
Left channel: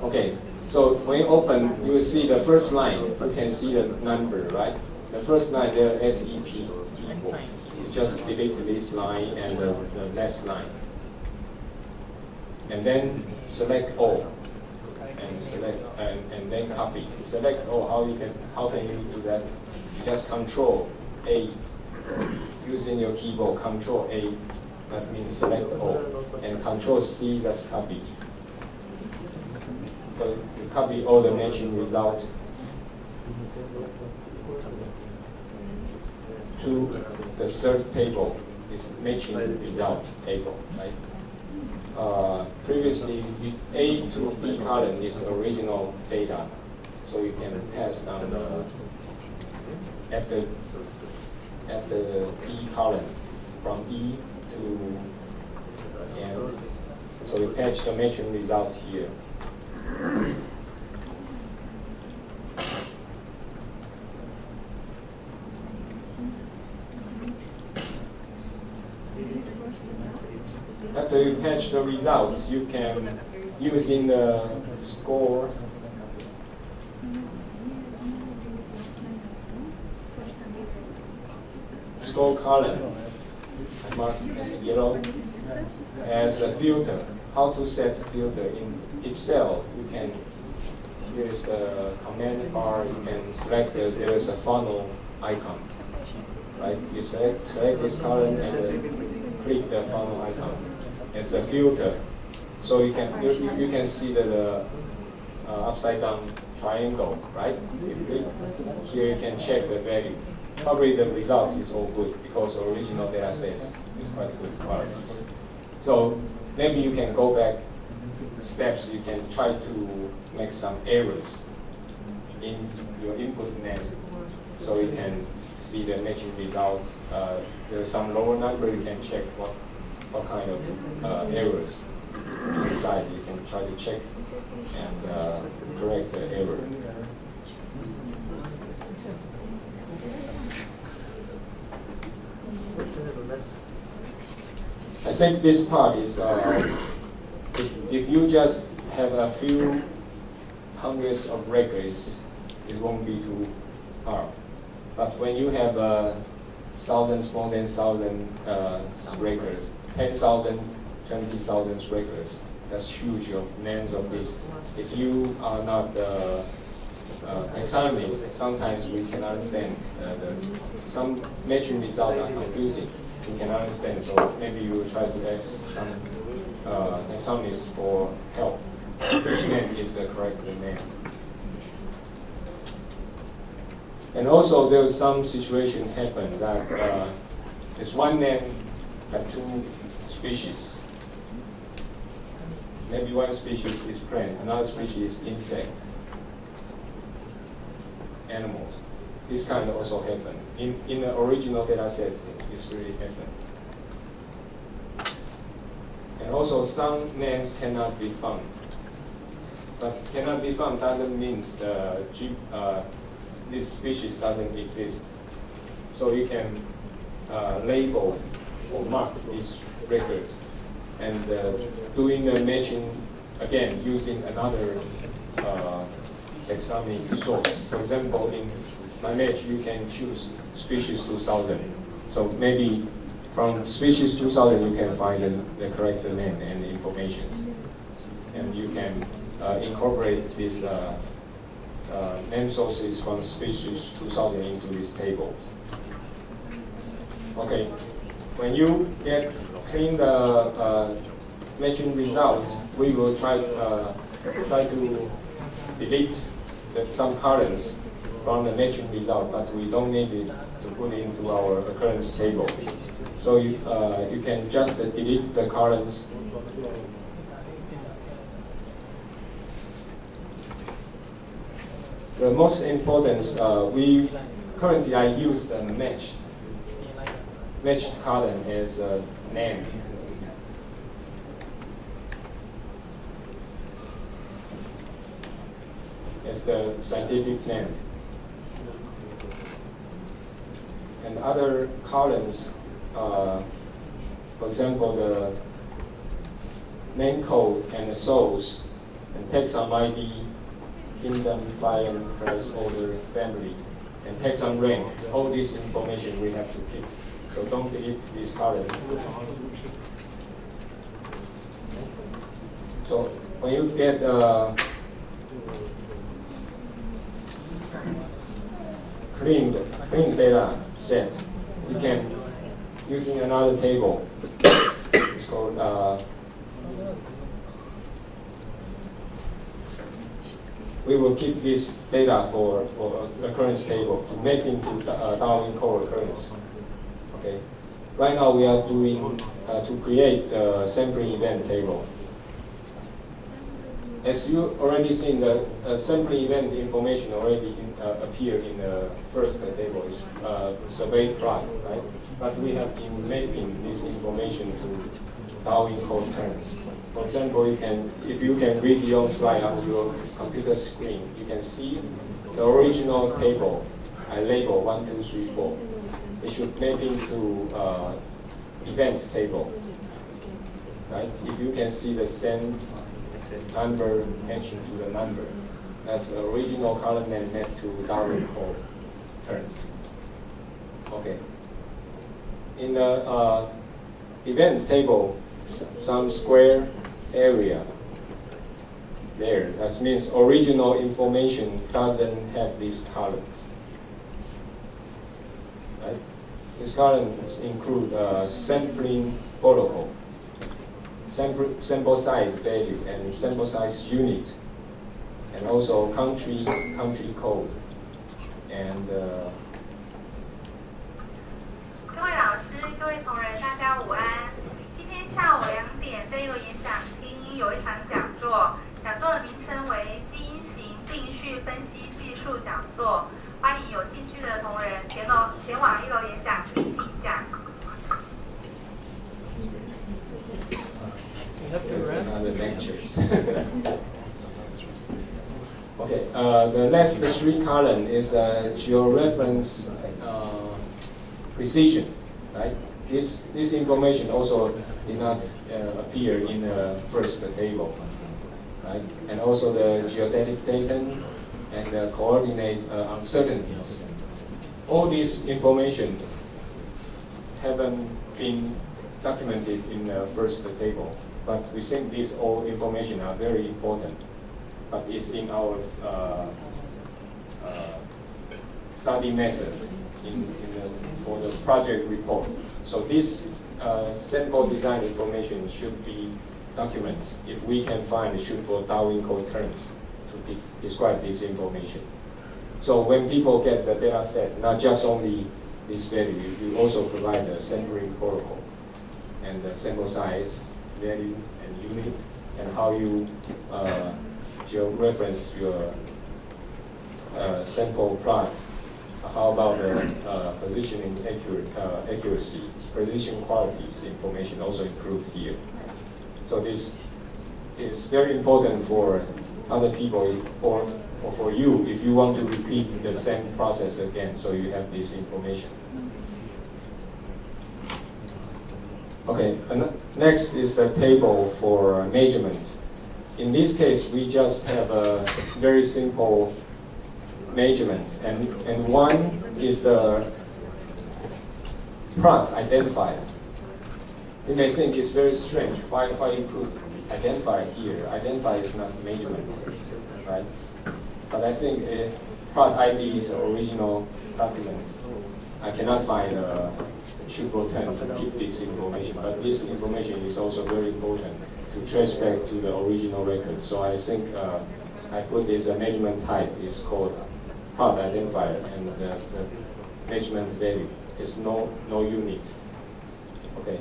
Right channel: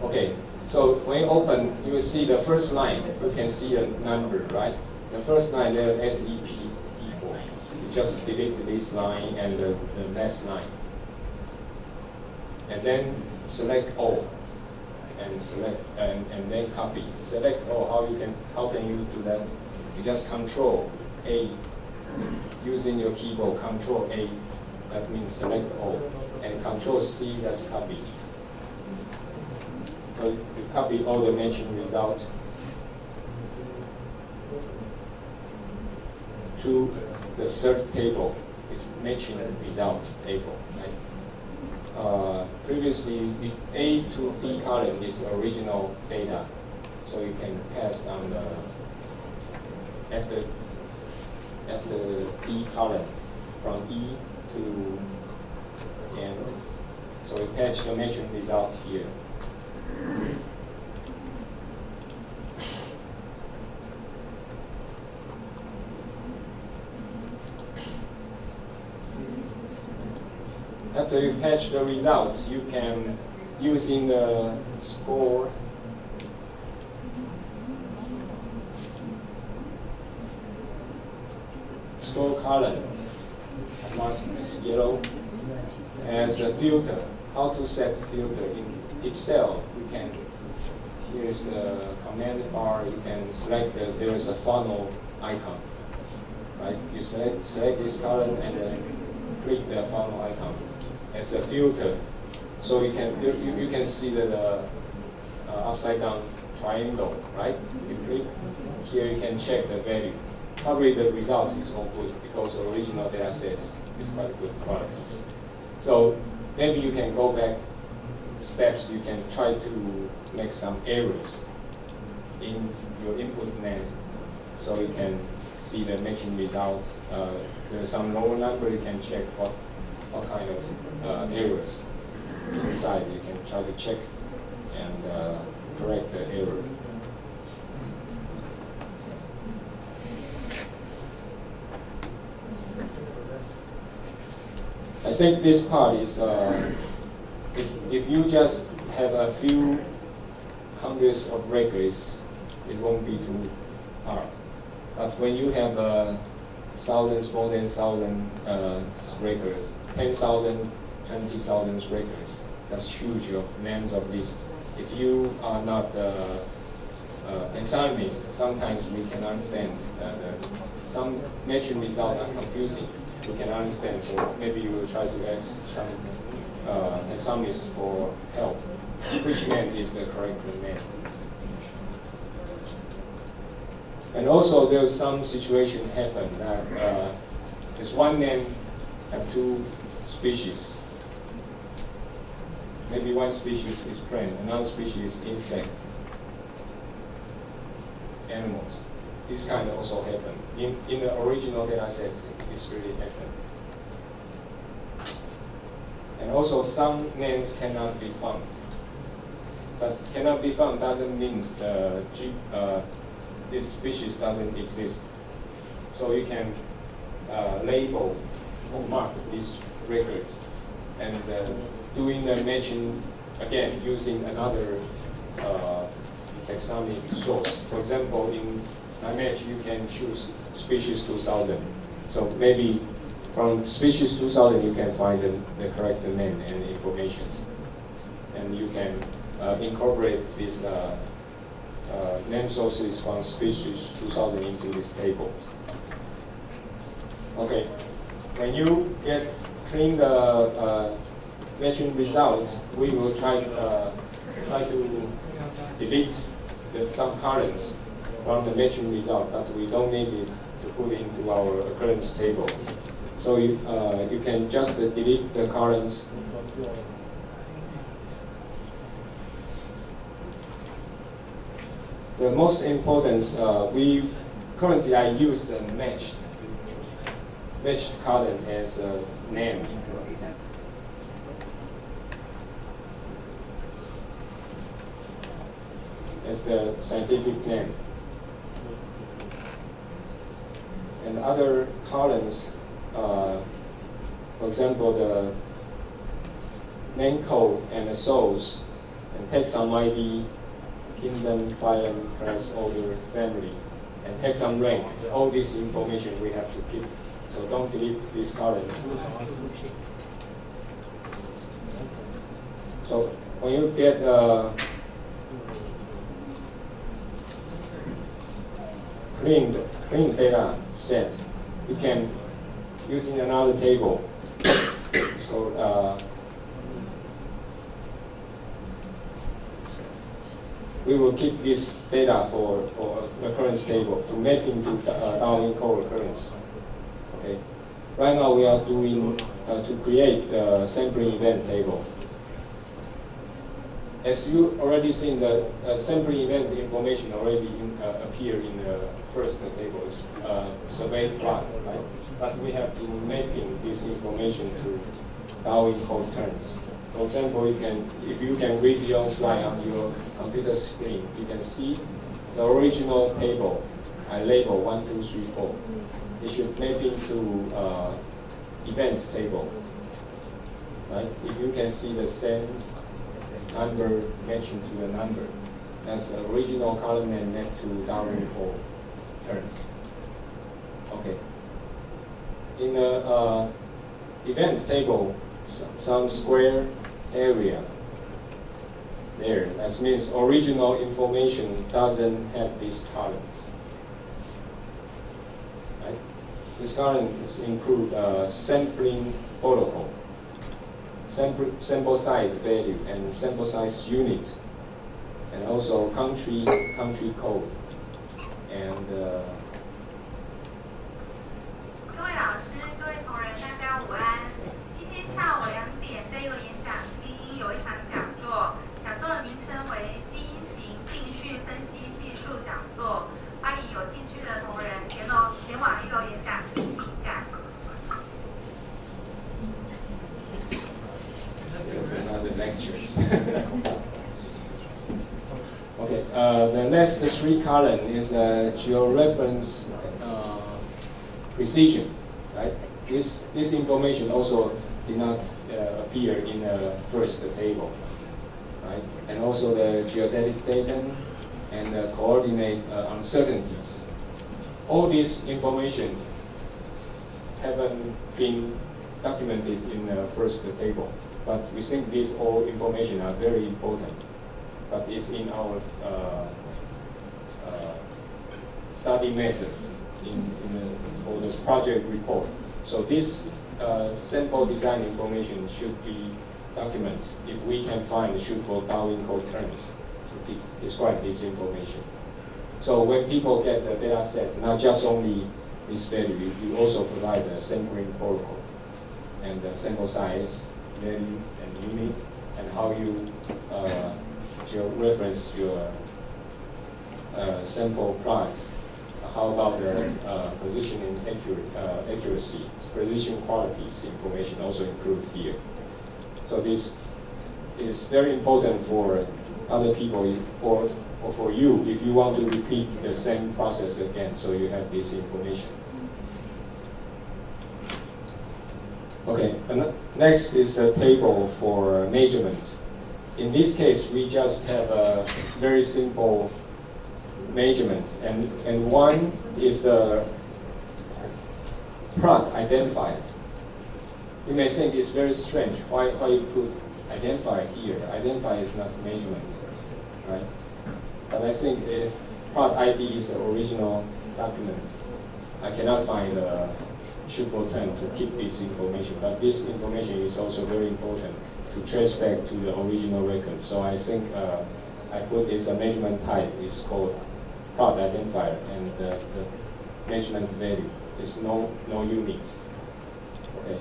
Okay, so when you open, you will see the first line. You can see the number, right? The first line there, SEP equal. You just delete this line and the next line, and then select all, and select and then copy. Select all. How can you do that? You just Control A using your keyboard. Control A, that means select all, and Control C, that's copy. So you copy all the matching result to the third table, is matching result table, right? Previously, the A to B column is original data, so you can pass on the after B column from E to N. So we patch the matching result here. after you patch the result, you can, using the score column, marked as yellow, as a filter. How to set filter in Excel? You can, here's the command bar. You can select there is a funnel icon, right? You select this column and then click the funnel icon as a filter. So you can see the upside down triangle, right? You click here, you can check the value. Probably the result is all good because the original data set is quite good quality. So maybe you can go back steps. You can try to make some errors in your input name, so you can see the matching result. There's some lower number. You can check what kind of errors inside. You can try to check and correct the error. I think this part is, if you just have a few hundreds of records, it won't be too hard. But when you have thousands, more than 1,000 records, 10,000, 20,000 records, that's huge of names of lists. If you are not taxonomist, sometimes we can understand some matching results are confusing. We can understand, so maybe you will try to ask some taxonomists for help. Which name is the correct name? And also, there is some situation happen that this one name have two species. Maybe one species is plant, another species is insect, animals. This kind also happen. In the original data set, it's really happen. And also some names cannot be found. But cannot be found doesn't mean this species doesn't exist. So you can label or mark these records and doing the matching again using another taxonomy source. For example, in my match you can choose species 2000. So maybe from species 2000 you can find the correct name and information. And you can incorporate these name sources from species 2000 into this table. Okay, when you get clean the matching results, we will try to delete some columns from the matching result, but we don't need it to put into our occurrence table. So you can just delete the columns. The most important, currently I use the matched column as a name. As the scientific name. And other columns, for example, the name code and the source, and taxon ID, kingdom, phylum, class, order, family, and taxon rank. All this information we have to keep. So don't delete these columns. So when you get clean data set, we can, using another table, it's called, we will keep this data for occurrence table to map into Darwin co-occurrence. Okay. Right now we are doing to create the sampling event table. As you already seen, the sampling event information already appear in the first table. It's SurveyPlot, right? But we have to mapping this information to Darwin co-occurrence. For example, if you can read your slide on your computer screen, you can see the original table. I label 1, 2, 3, 4. It should map into events table. right? If you can see the same number matching to the number, that's the original column name mapped to Darwin code terms. Okay. In the events table, some square area there. That means original information doesn't have these columns. Right? These columns include sampling protocol, sample size value, and sample size unit, and also country code, and 各位老师、各位同仁，大家午安。今天下午2点这一个演讲厅有一场讲座，讲座的名称为基因型定序分析技术讲座，欢迎有兴趣的同仁前往1楼演讲厅听讲。there's another lectures. Okay, the next three column is georeference precision, right? This information also did not appear in the first table, right? And also the geodetic datum and the coordinate uncertainties. All this information haven't been documented in the first table, but we think these all information are very important. But it's in our study method for the project report. So this sample design information should be documented if we can find suitable Darwin code terms to describe this information. So when people get the data set, not just only this value, you also provide a sampling protocol and the sample size, value, and unit, and how you reference your sample plot. How about the positioning accuracy, precision qualities information also included here. So this is very important for other people or for you if you want to repeat the same process again, so you have this information. Okay, and next is the table for measurement. In this case, we just have a very simple measurement, and one is the plot identifier. You may think it's very strange why you put identifier here. Identifier is not measurement, right? But I think plot ID is the original document. I cannot find a suitable term to keep this information, but this information is also very important to trace back to the original record. So I think I put this measurement type is called plot identifier, and the measurement value is no unit. Okay.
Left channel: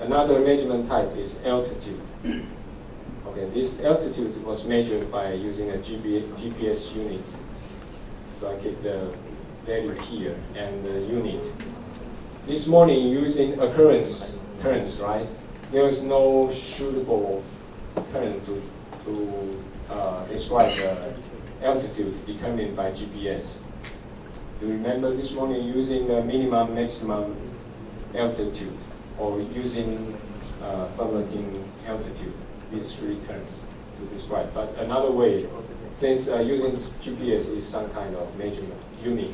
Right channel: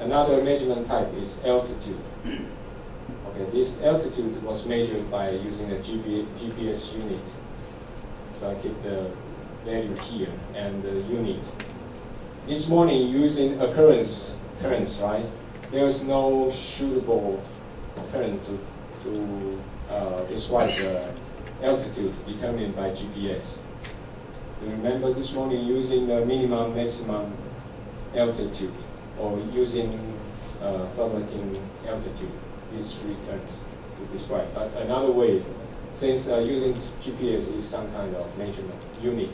Another measurement type is altitude. Okay, this altitude was measured by using a GPS unit. So I keep the value here and the unit. This morning using occurrence terms, right? There is no suitable term to describe the altitude determined by GPS. You remember this morning using the minimum, maximum altitude, or using plummeting altitude, these three terms to describe. But another way, since using GPS is some kind of measurement unit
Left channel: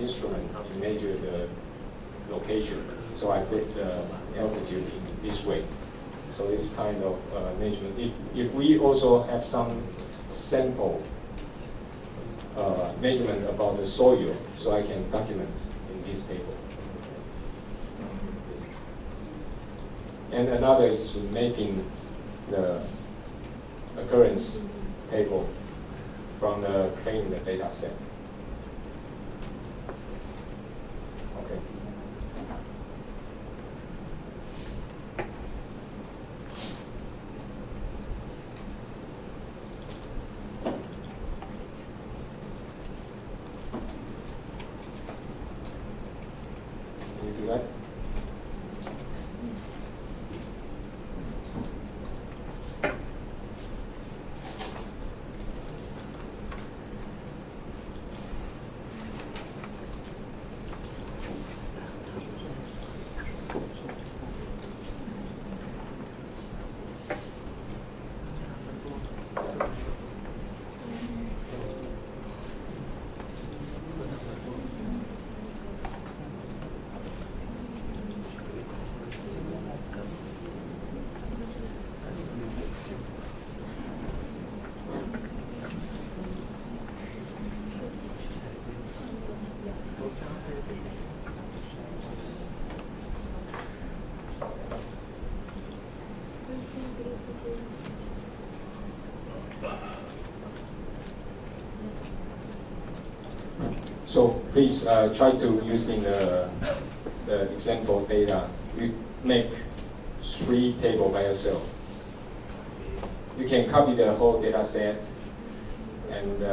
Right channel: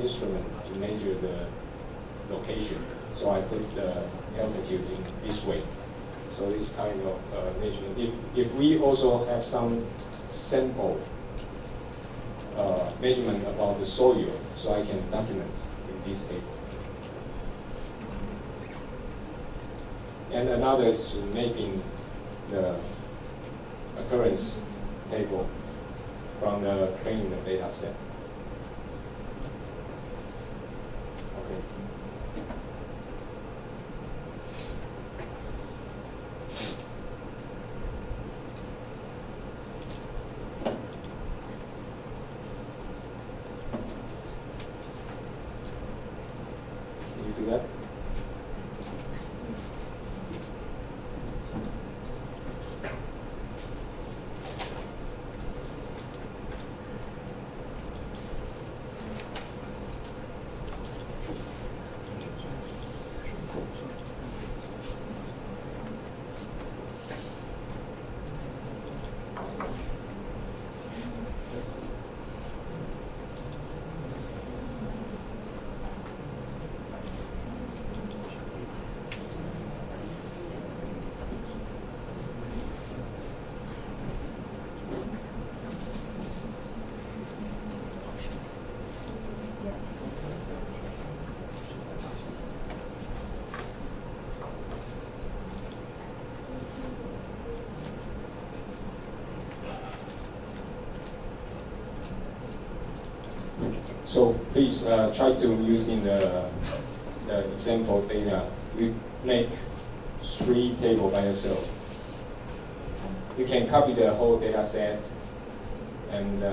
instrument to measure the location, so I put the altitude in this way. So it's kind of measurement. If we also have some sample measurement about the soil, so I can document in this table. And another is making the occurrence table from the CleanedData set. Okay. Can you do that? So please try to using the example data. You make 3 tables by yourself. You can copy the whole data set and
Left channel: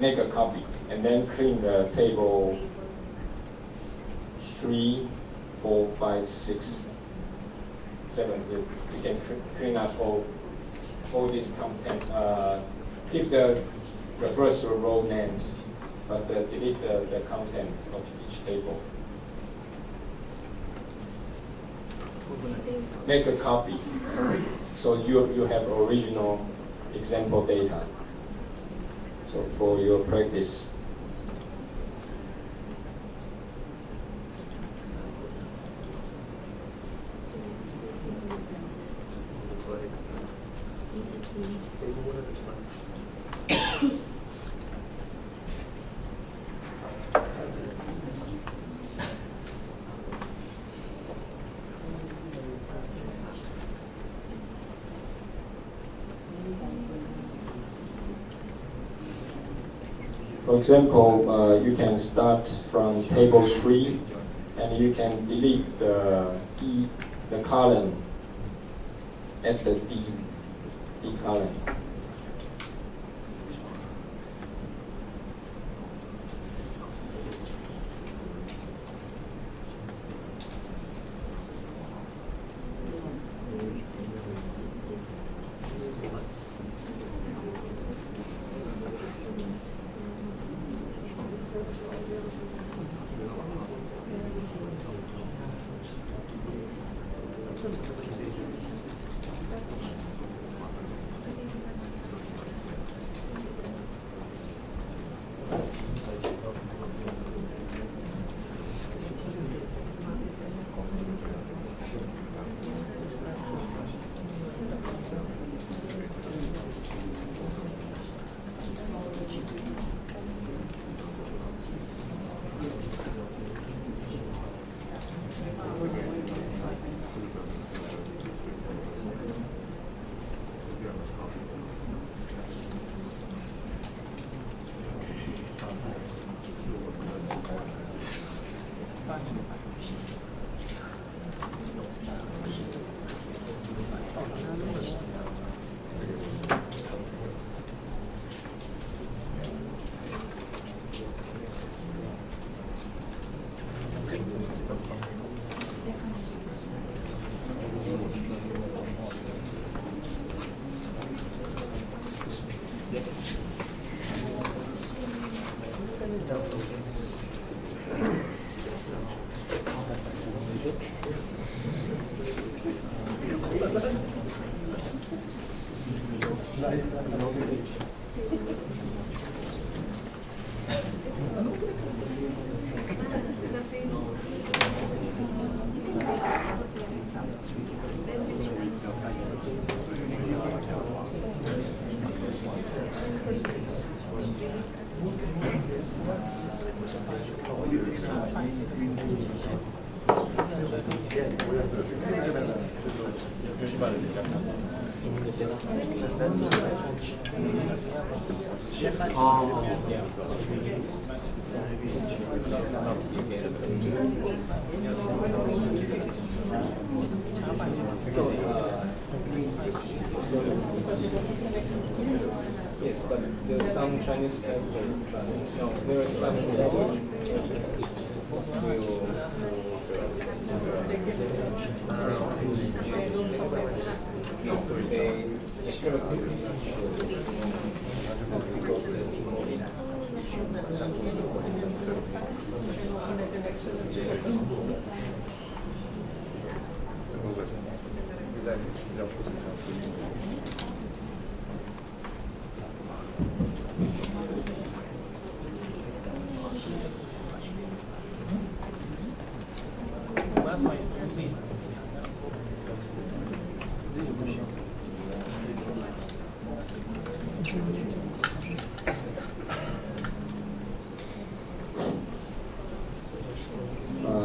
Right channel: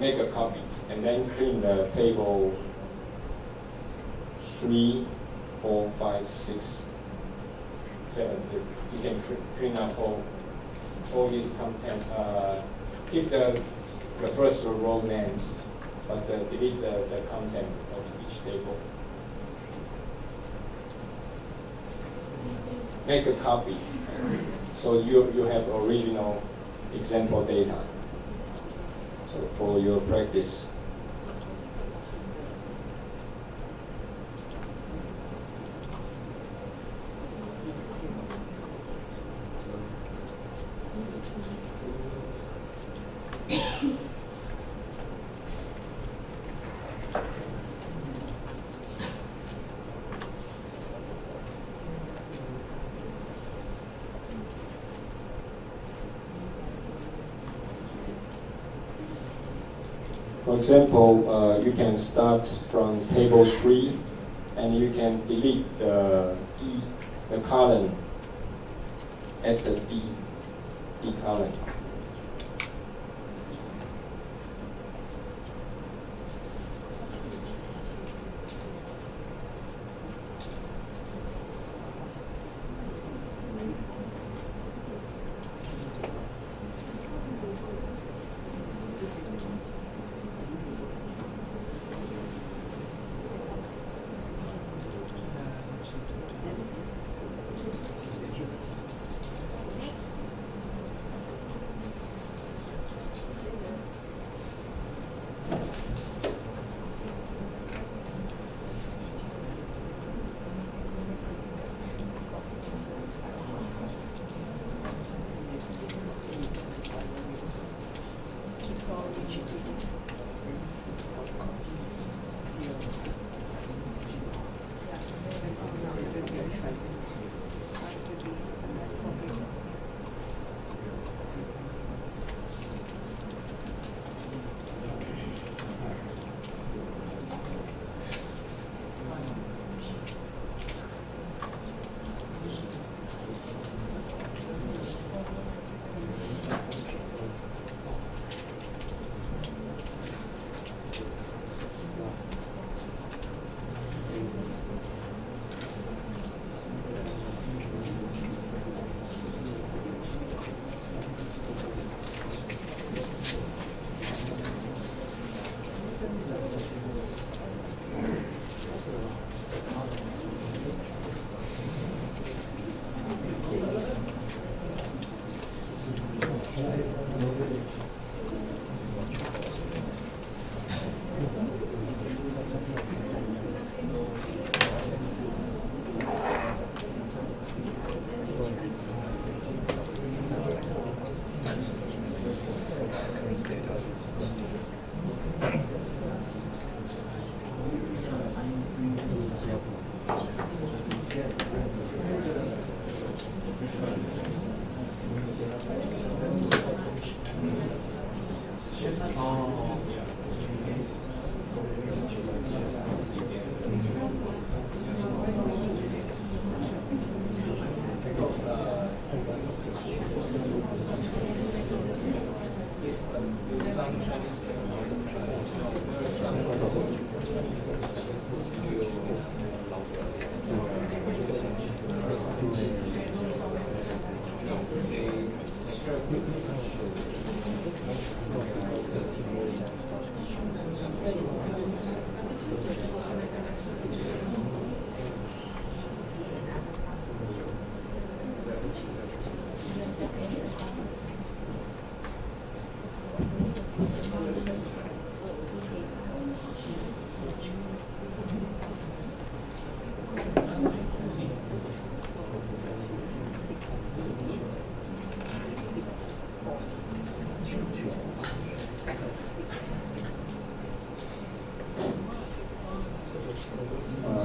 make a copy, and then clean the table 3, 4, 5, 6, 7. You can clean up all this content. Keep the first row names, but delete the content of each table. Make a copy, so you have original example data. So for your practice. For example, you can start from table 3, and you can delete the column at the D column. Yes, but there's some Chinese character. No, there are some. No, they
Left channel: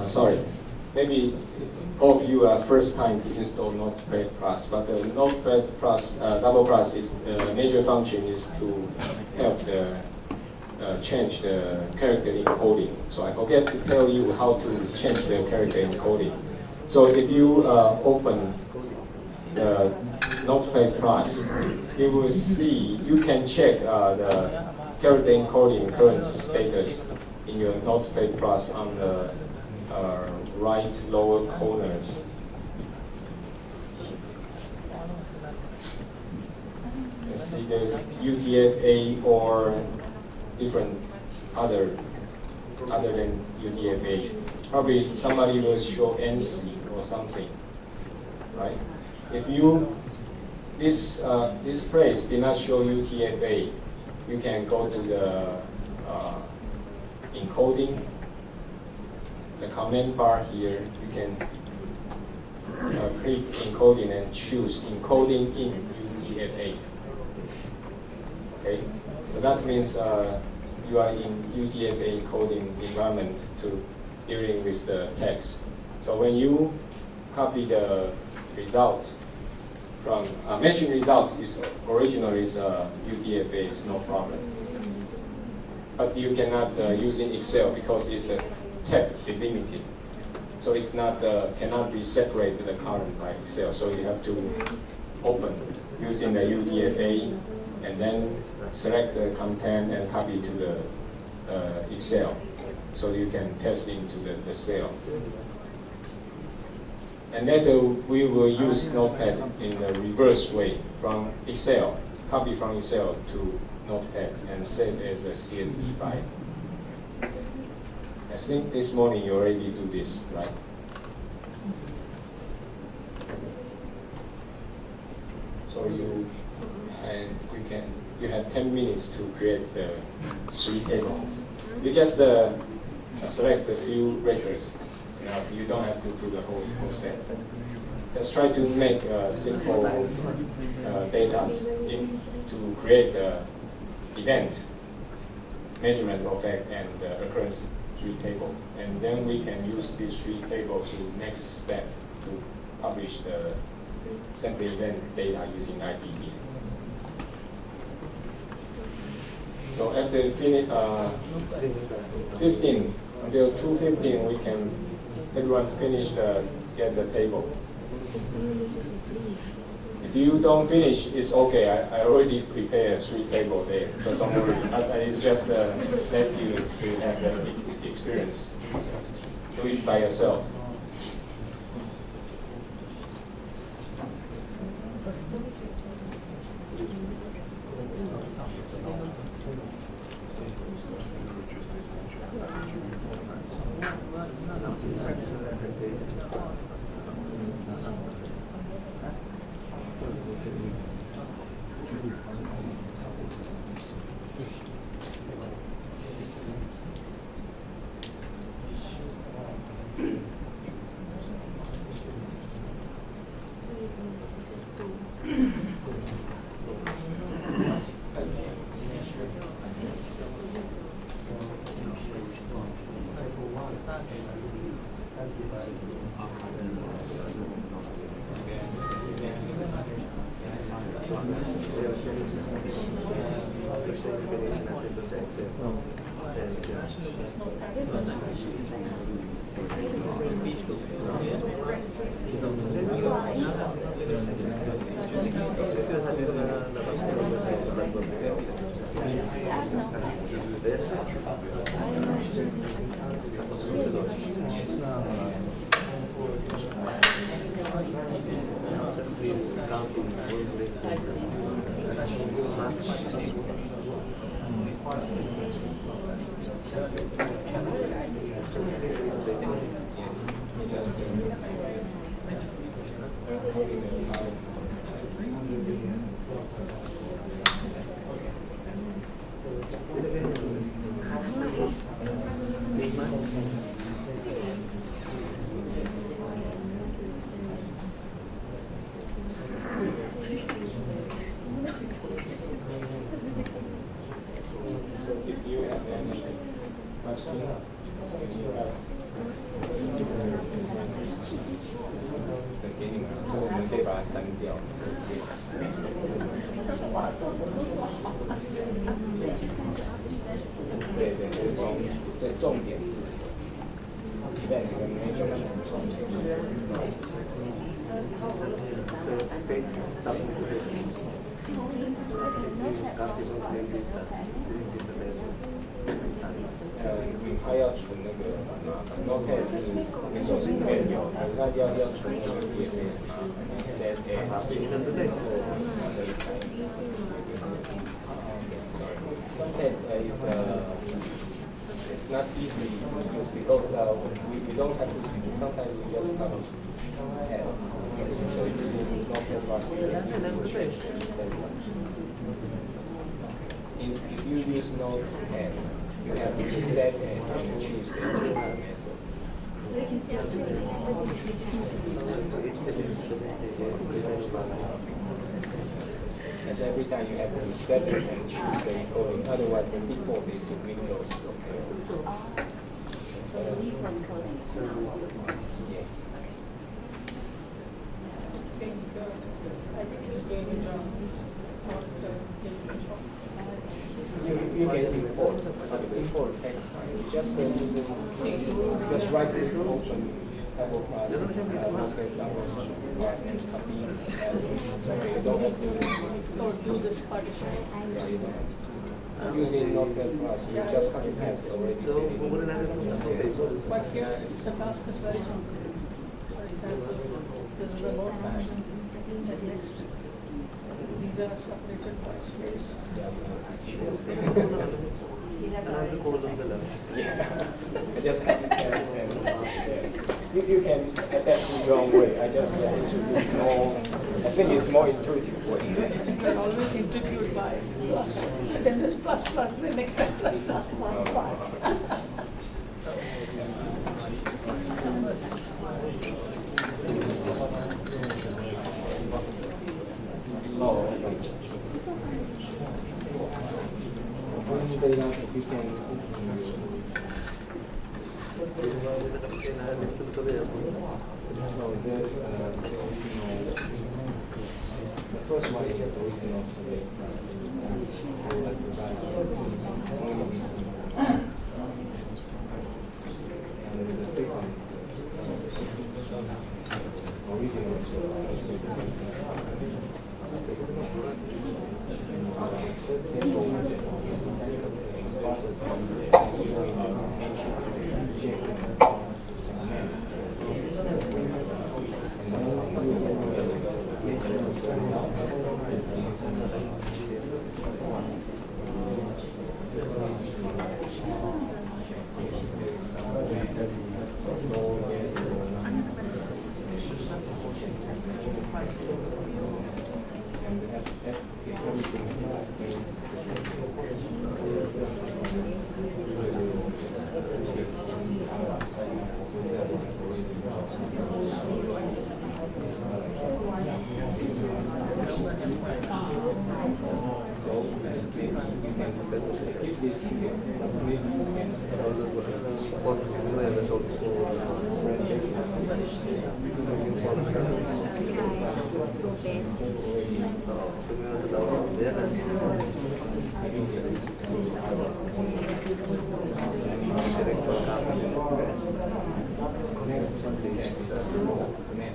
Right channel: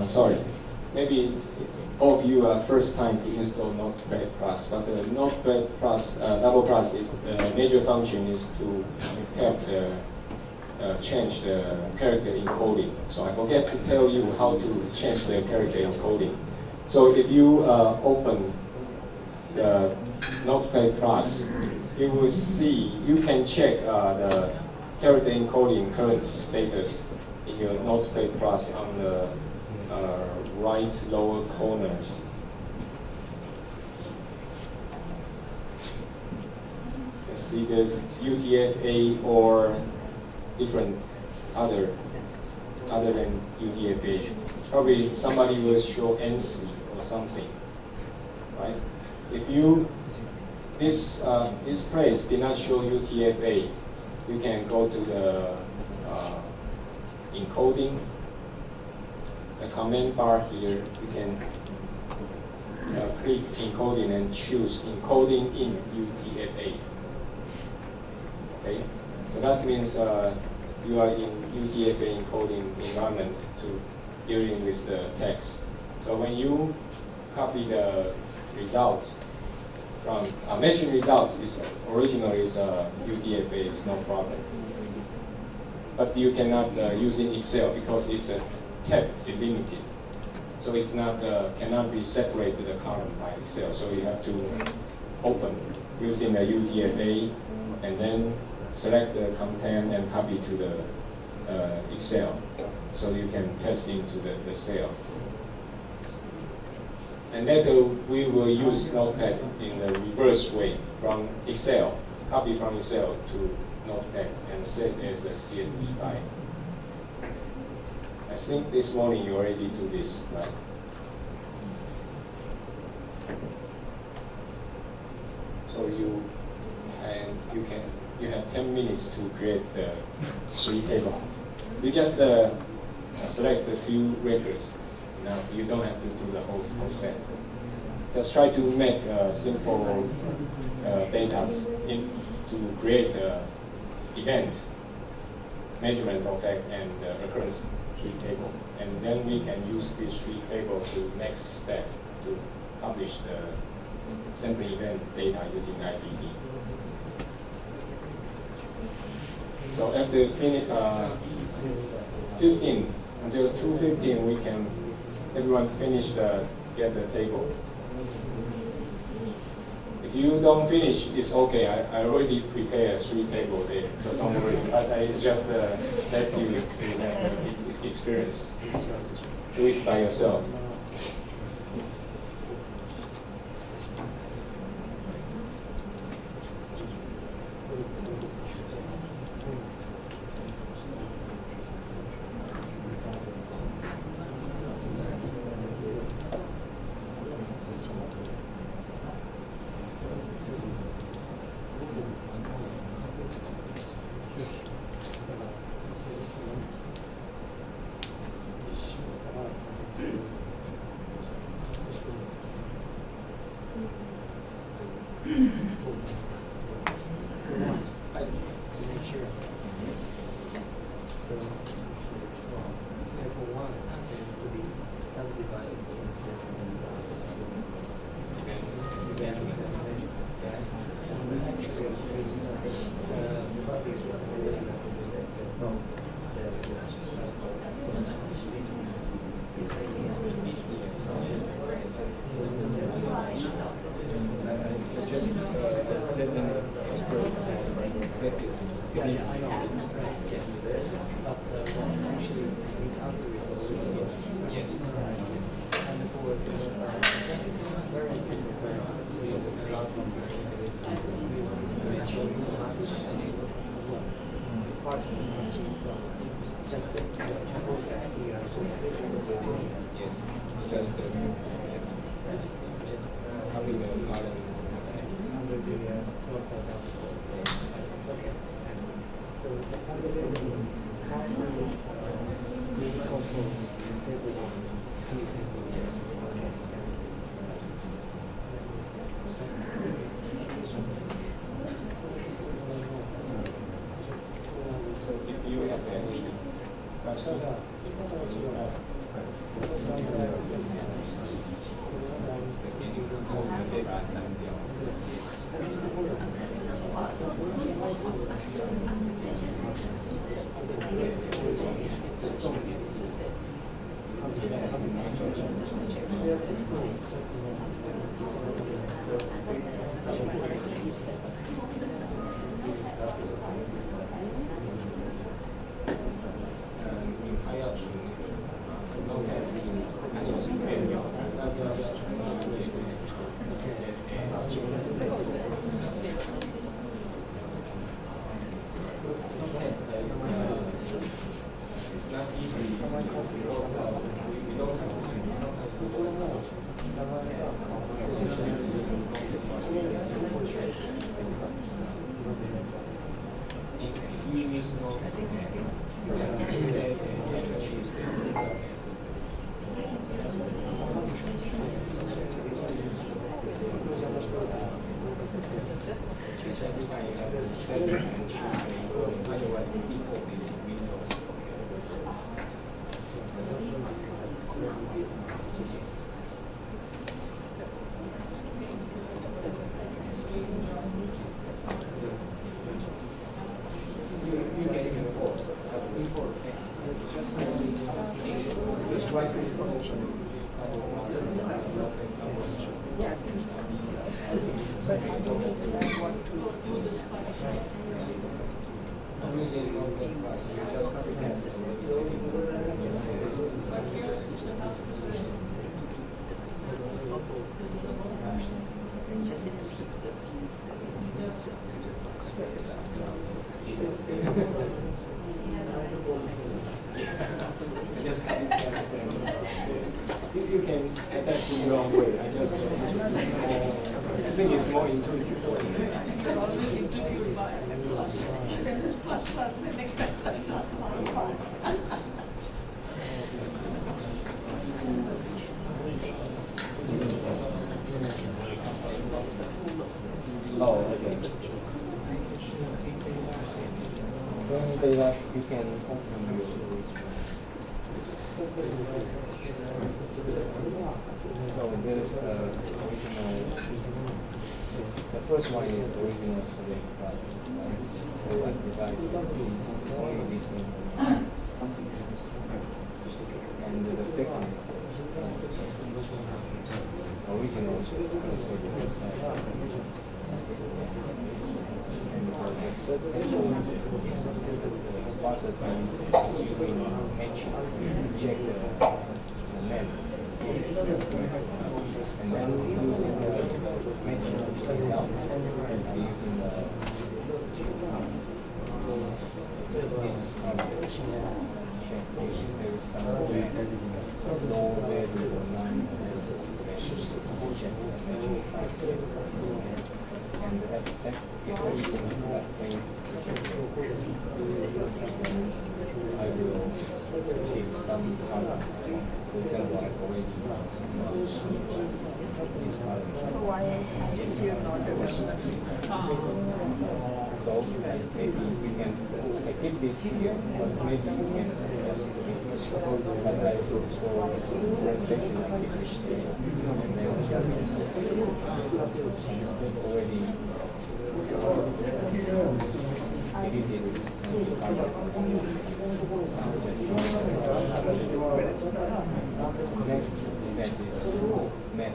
sorry, maybe all of you are first time to install Notepad Plus, but the Notepad Plus, double plus is the major function is to help the change the character encoding. So I forget to tell you how to change the character encoding. So if you open the Notepad Plus, you will see, you can check the character encoding current status in your Notepad Plus on the right lower corners. You see there's UTF-8 or different other than UTF-8. Probably somebody will show NC or something, right? If you this place did not show UTF-8, you can go to the encoding, the command bar here. You can click encoding and choose encoding in UTF-8. Okay, so that means you are in UTF-8 encoding environment dealing with the text. So when you copy the result from matching result is originally is UTF-8, it's no problem. But you cannot use in Excel because it's a tab delimited. So it's not cannot be separated to the column by Excel. So you have to open using the UTF-8 and then select the content and copy to the Excel. So you can paste into the cell. And later we will use Notepad in the reverse way from Excel, copy from Excel to Notepad and save as a CSV file. I think this morning you already do this, right? So you have 10 minutes to create the 3 tables. You just select a few records. You don't have to do the whole set. Just try to make simple data to create event, MeasurementOrFacts, and Occurrence 3 table. And then we can use these 3 tables to next step to publish the sample event data using IDD. So after 15 until 2:15, we can everyone finish get the table. If you don't finish, it's okay. I already prepared 3 tables there, so don't worry. But it's just let you have the experience. Do it by yourself. If you have any question, 重点是 event 跟 measurement 是重点。他要存那个Notepad 是 Windows 里面有，那要存那个也可以set as 然后Notepad is it's not easy because we don't have to see. Sometimes we just test. So using Notepad you change if you use Notepad, you have to set as and choose the method. Because every time you have to set this and choose the encoding, otherwise the default is Windows. So the default encoding is now Yes. You can import text. Just right click function, double plus, double plus, and copy. So you don't have to do this partition. Using Notepad plus, you just copy paste already. But here the task is very simple. For example, this is a load fashion. These are separated by space. See, that's already Yeah. I just copy paste and you can adapt to your own way. I just introduce more. I think it's more intuitive way. You can always introduce by plus. And then there's plus plus, then next time plus plus plus plus. Oh, okay. Training data, you can open your. So there's the original. The first one is the original SurveyPlot. So I provide is only this information. And the second is the original SurveyPlot. And the third table is the process of using mention check the map. And then using the mention results, I using this check if there is some low value or line measures check the and that everything that thing I will receive some for example I've already this so maybe you can keep this here, but maybe you can but I also for presentation instead already next step is map.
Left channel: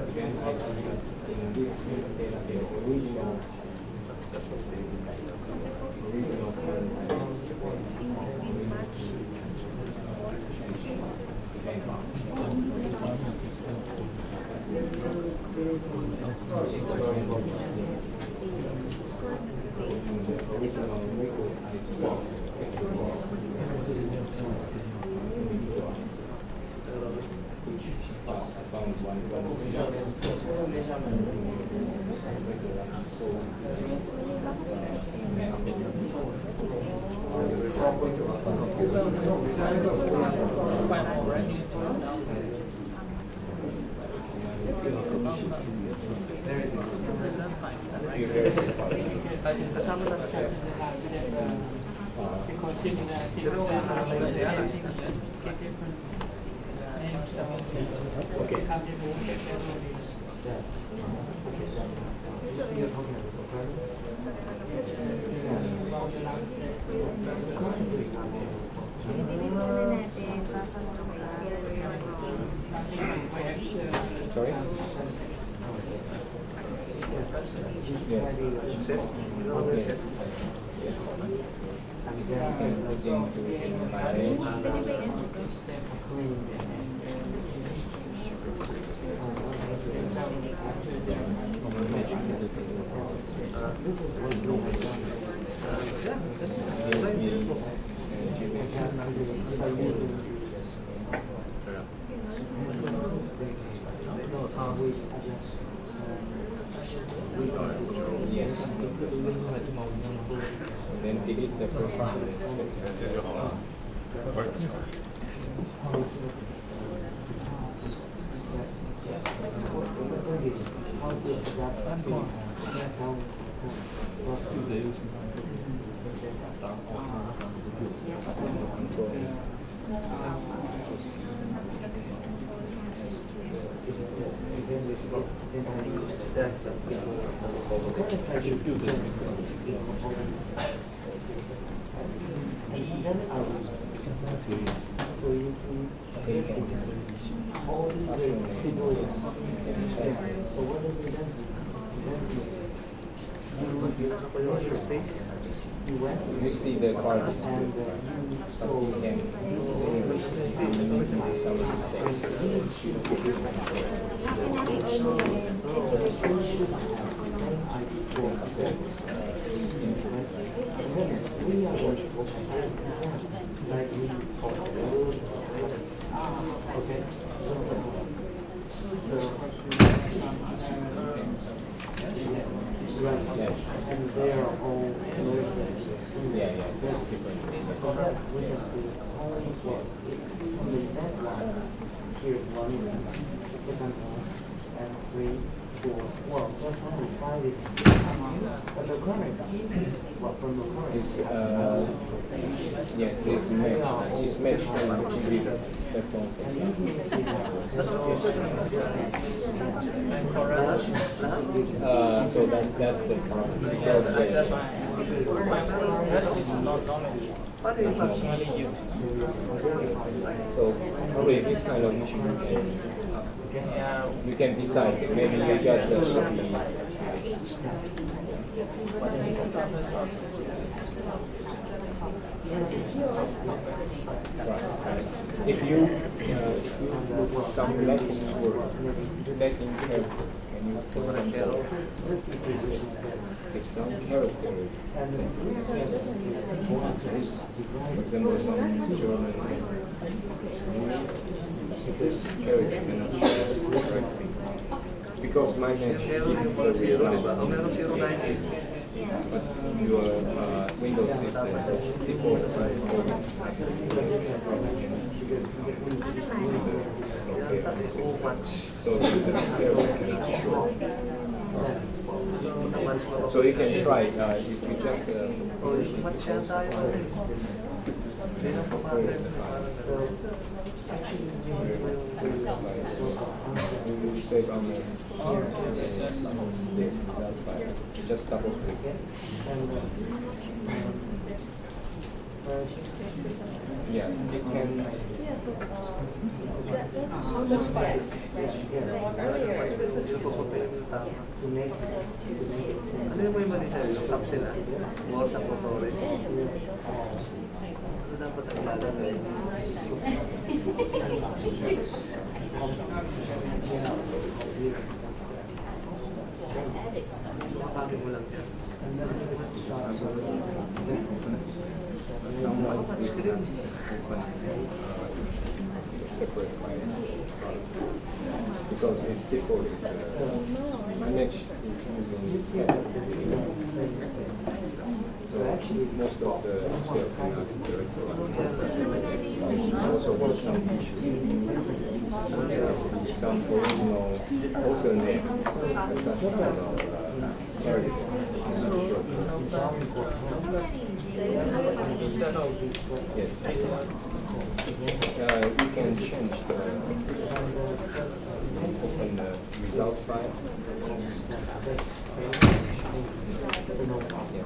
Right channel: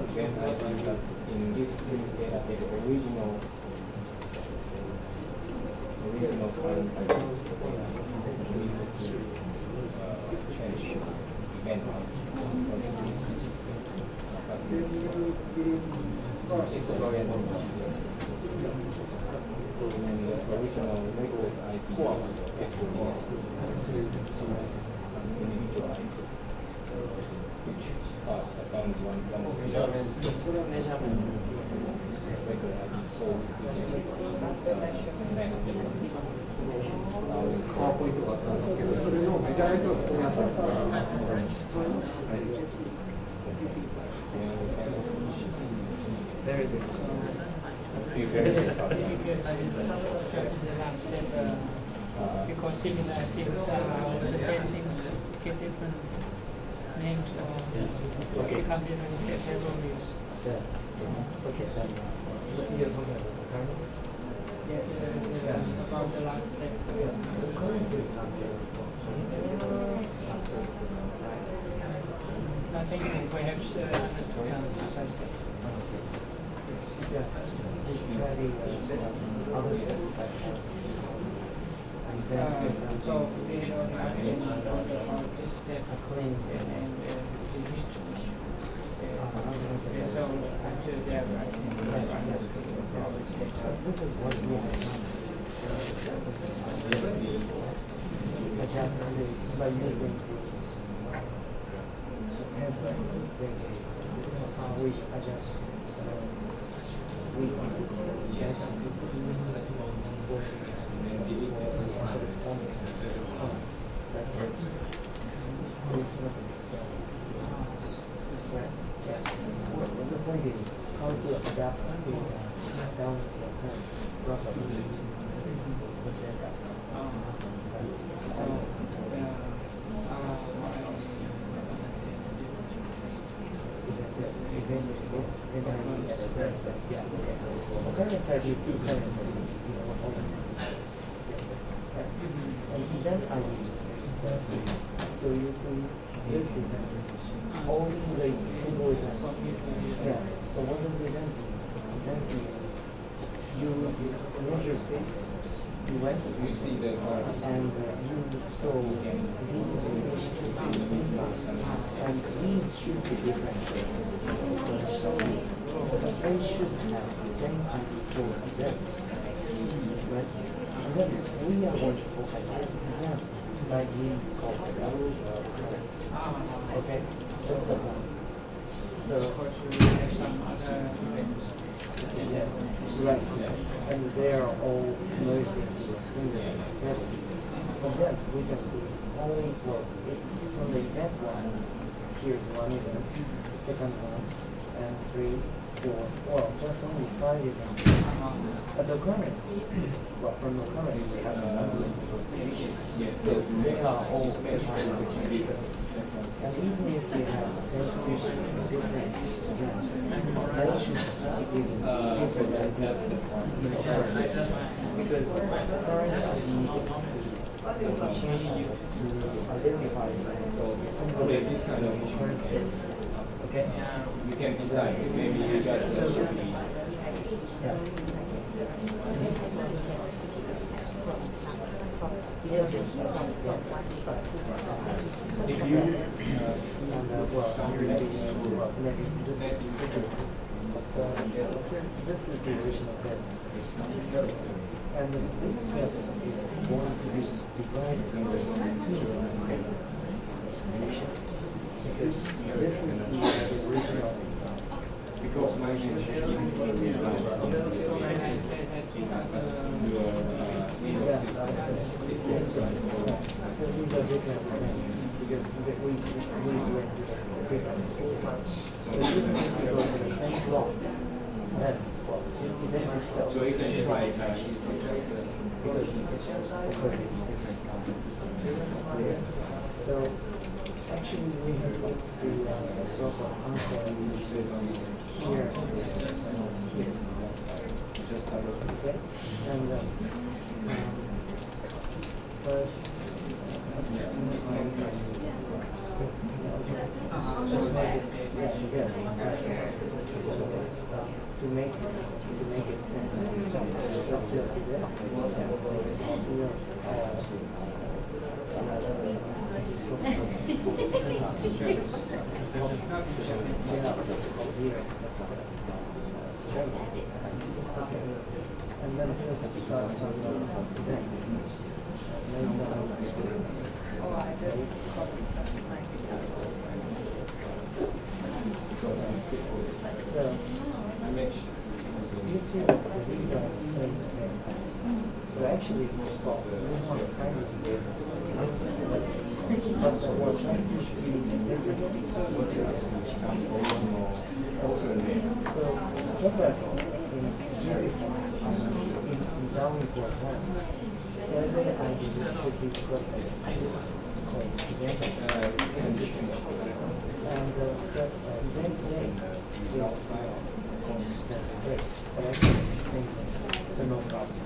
Again, I think that in this data, the original plan I think we need to change event and the original record ID is actually individualized, which I found one regular soul because similarities are the same thing, get different names of become different categories. Yes, about the last I think perhaps Sorry? This is what we by using we adjust Yes. And then delete the first one. The point is how to adapt to down for time. Occurrence I do two occurrence and then I will so you see this all the single events. Yeah. So what does it then do? That means you measure things. You went You see the part and you saw can these some and mistakes. these should be different. So they should have the same ID for events. Right? And then we are going to focus on events like we call okay? Just like this. So right, and they are all merged into a single together. From that, we can see only from the event one, here's one event, the second one, and 3, 4, well, just only 5 events. But the occurrence, well, from the occurrence, we have Yes, it's matched to the GBIF. and even if we have a certification difference again, that should be given. So that's the problem. Because Because occurrence is not change to identify so probably this kind of issue occurrence status. Okay? you can decide. Maybe you just Yes. if you put some letters or that in This is the original text. some character, And this text is going to be for divided. example, some German This character is cannot the original. because my name keep the real life but your Windows system is default So these are different because we so so you can try if you just so actually we have to answer you save on the here. just double click. Okay? And first Yeah. just make it together. To make it sense. And then first start from the event. Separate by because it's default is image is You using see that this is the same thing. So actually, most of the cell kind of also what some you issues. see interesting. Some original also name. So what that Sorry. I'm not sure. In Darwin, for example, several items should be Yes. together. You can change the And open the result file so no problem.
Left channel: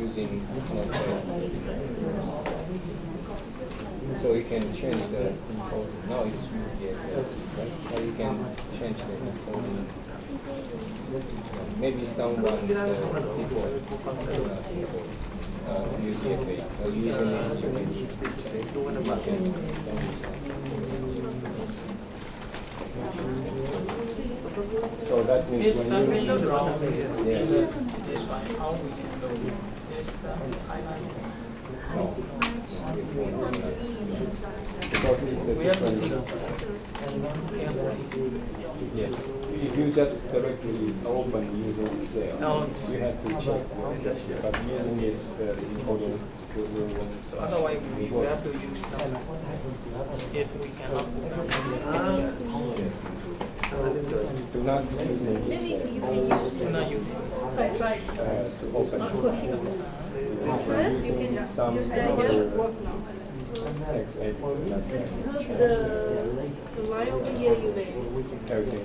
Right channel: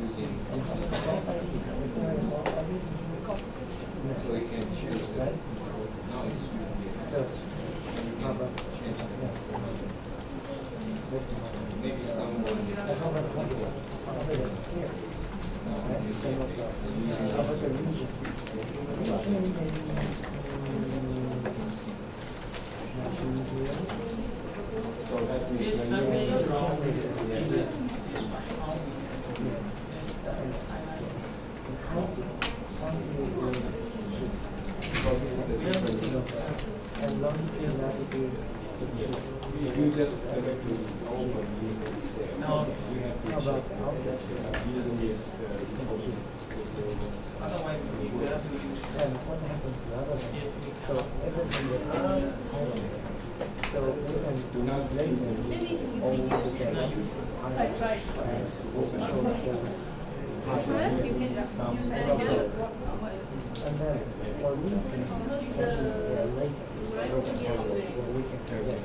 using Notepad. So you can change the encode. Now it's UTF. Now you can change the encode. Maybe someone people using so that means If when something you is wrong, yes. it's fine. How we can do it? There's the highlight. Because it's the We have to different. think of And long gratitude. Yes. If you just directly open using Excel, No. you have to check the issue. But using this encoder, Otherwise, we have to use And what happens to other if we So cannot. everything was So we can do not use this old Not use it. to open short code. Using some other and then text or we can editor. line over here you may or we can Okay.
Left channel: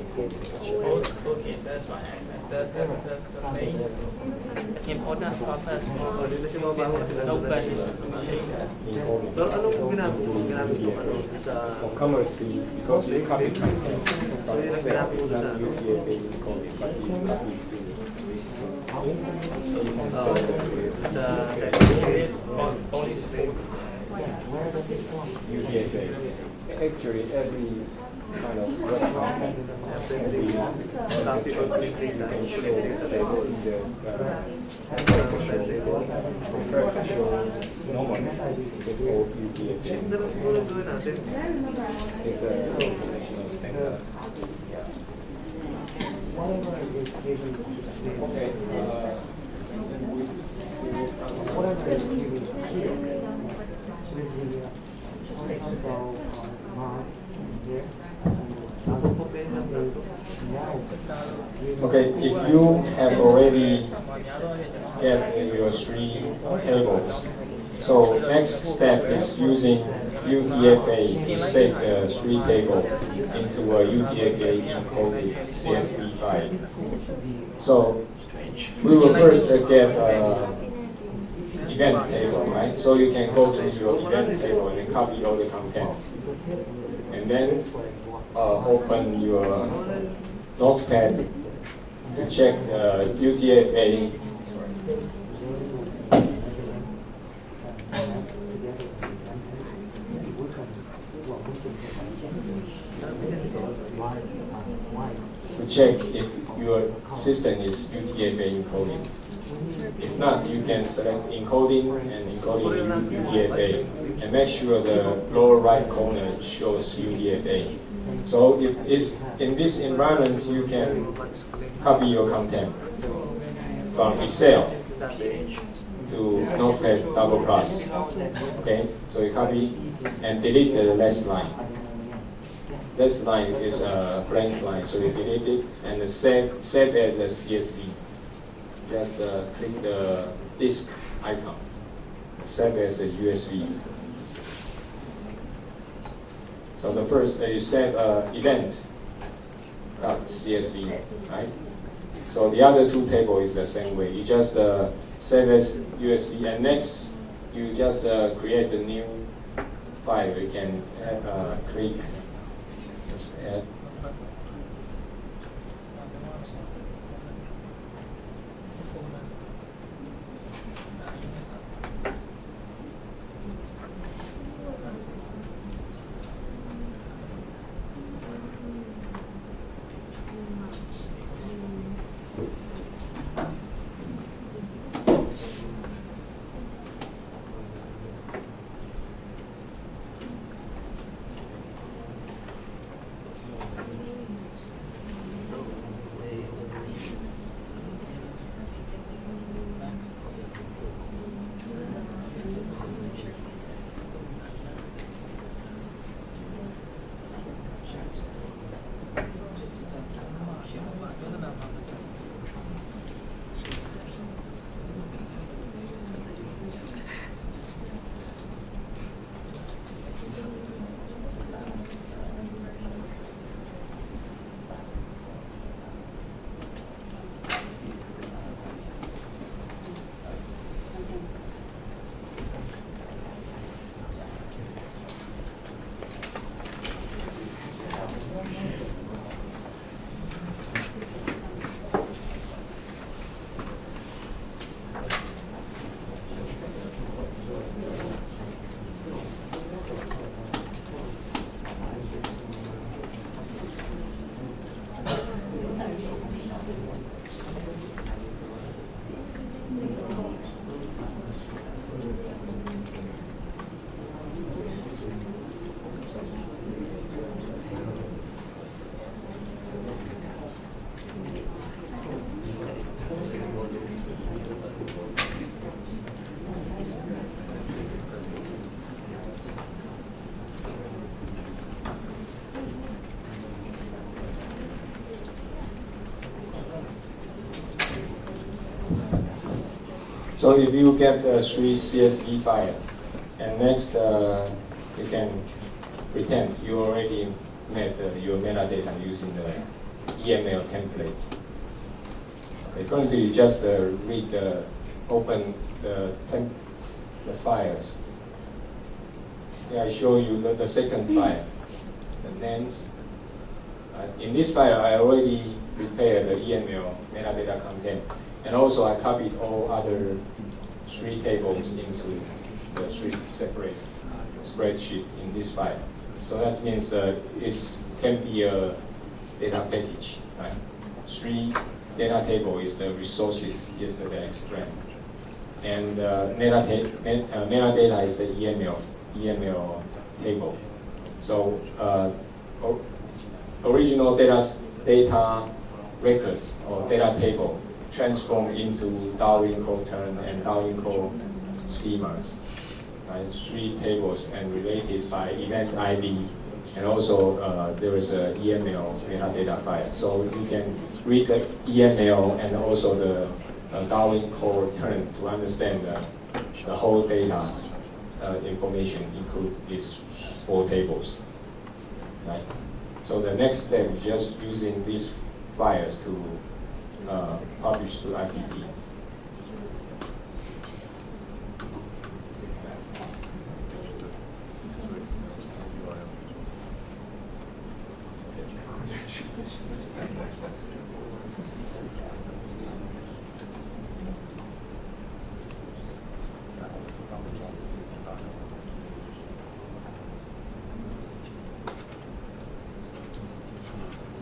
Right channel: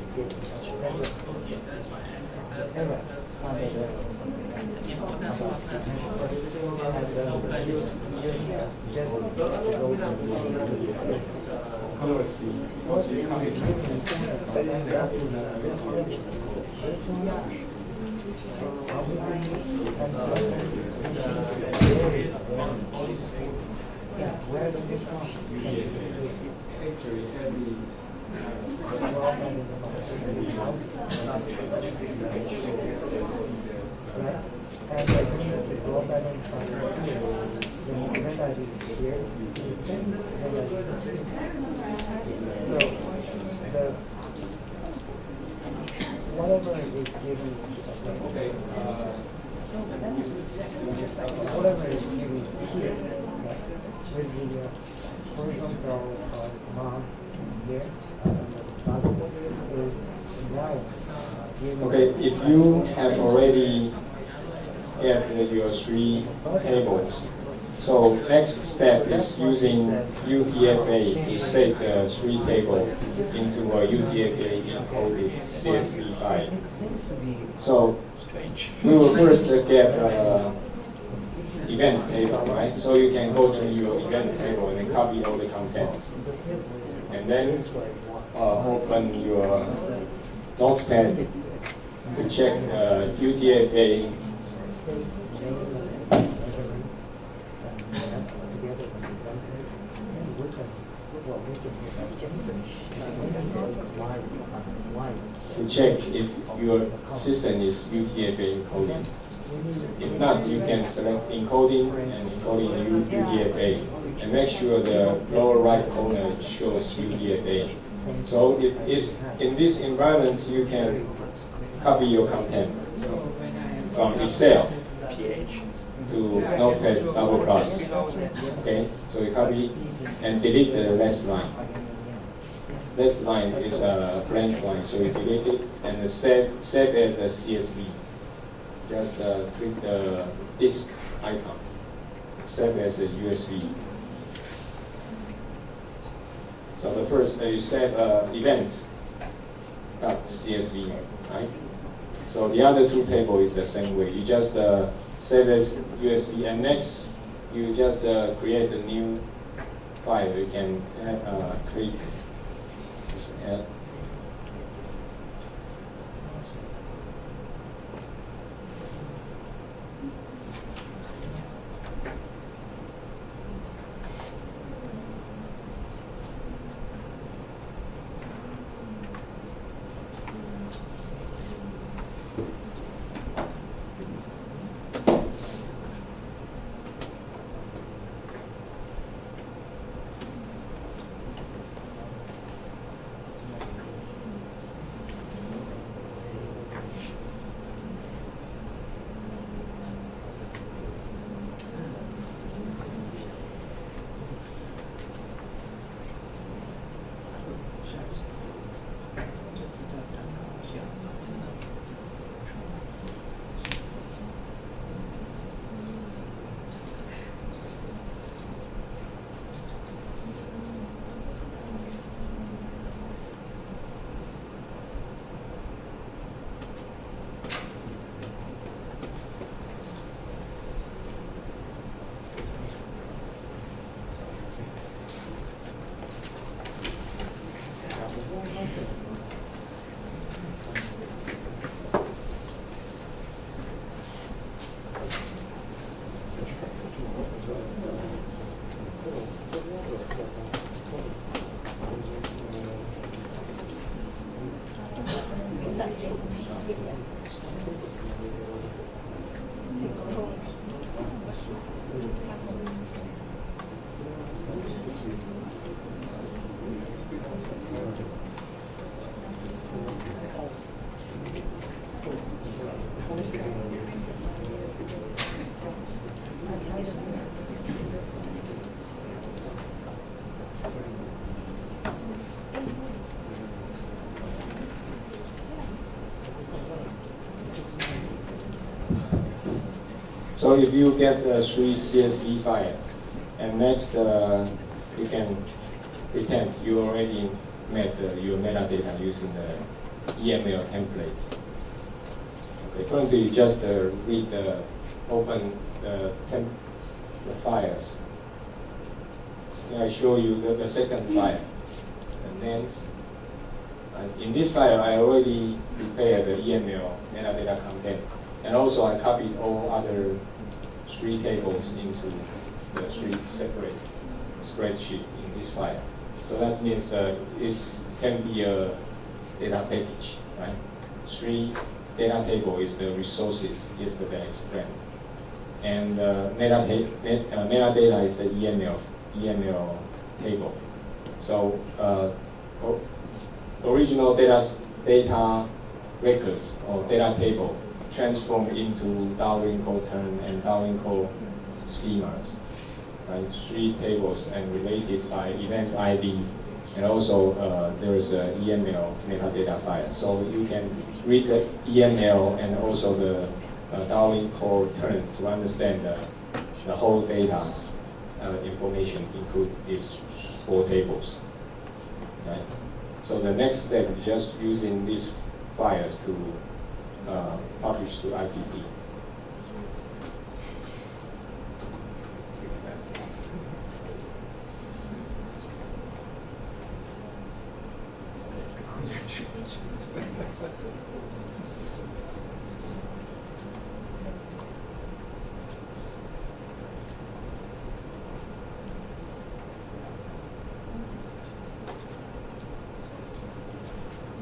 Okay, that's fine. That's the main important process for nobody For camera speed, because you copy from the cell, it's not UTF-8 encoding. where does it go? UTF-8. Actually, every kind of website, you can show see the And then we can go back and normal UTF-8. It's a combination of standard. Whatever is given, Okay. whatever is given here, with the horizontal marks here, and the bottom is now given. Okay, if you have already get your three tables, so next step is using UTF-8 to save the three table into a UTF-8 encoded CSV file. It seems to be So we will first get event table, right? So you can go to your event table and then copy all the contents. And then open your Notepad to check UTF-8. To check if your system is UTF-8 encoded. If not, you can select encoding and encoding UTF-8 and make sure the lower right corner shows UTF-8. So if it's in this environment, you can copy your content from Excel to Notepad double plus. Okay, so you copy and delete the last line. This line is a blank line, so you delete it and save as a CSV. Just click the disk icon, save as a USB. So the first you save event.csv, right? So the other two table is the same way. You just save as USB, and next you just create a new file. You can click. Just add. So if you get the 3 CSV file, and next you can pretend you already made your metadata using the EML template. Okay, currently you just open the files. Okay, I show you the second file, the names. In this file, I already prepared the EML metadata content. And also I copied all other 3 tables into the 3 separate spreadsheet in this file. So that means it can be a data package, right? 3 data table is the resources yesterday explained. And metadata is the EML table. So original data records or data table transform into Darwin code term and Darwin code schemas, right? 3 tables and related by event ID, and also there is a EML metadata file. So you can read the EML and also the Darwin code terms to understand the whole data's information, include these 4 tables, right? So the next step is just using these files to publish to IPP.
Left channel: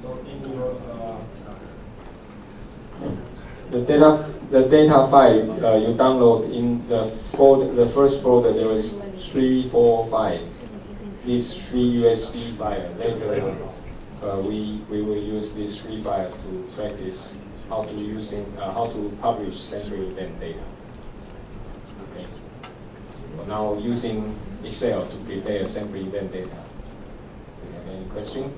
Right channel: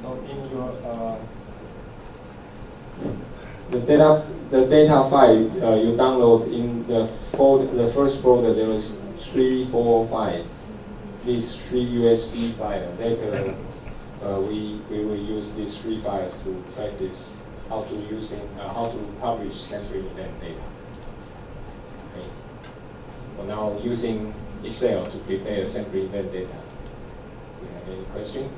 So in your the data file you download in the first folder, there is 3, 4, 5. These 3 USB files. Later we will use these 3 files to practice how to publish sampling event data. Okay. So now using Excel to prepare sampling event data. Do you have any question?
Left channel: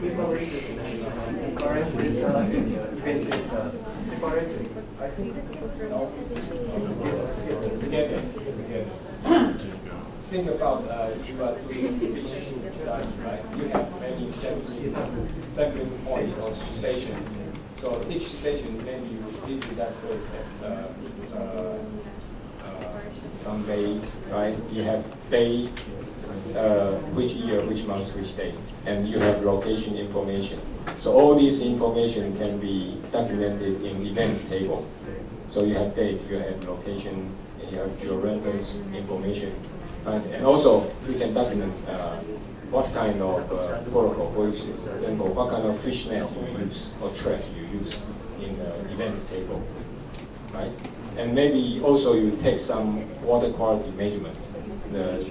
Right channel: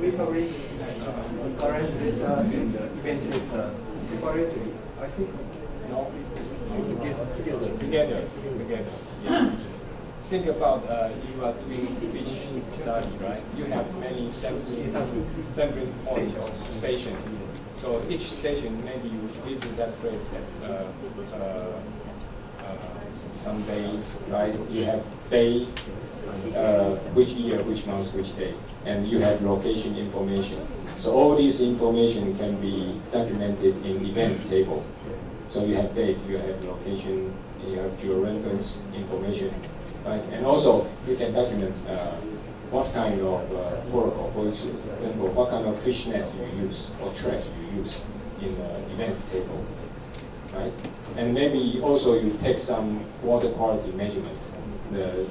We publish occurrence data and event data separately. I think Together. Think about you are doing fish study, right? You have many sampling points or station. So each station, maybe you visit that place at some days, right? You have day, which year, which month, which day, and you have location information. So all this information can be documented in events table. So you have date, you have location, and you have georeference information, right? And also you can document what kind of protocol, for example, what kind of fish net you use or trap you use in the event table, right? And maybe also you take some water quality measurement, the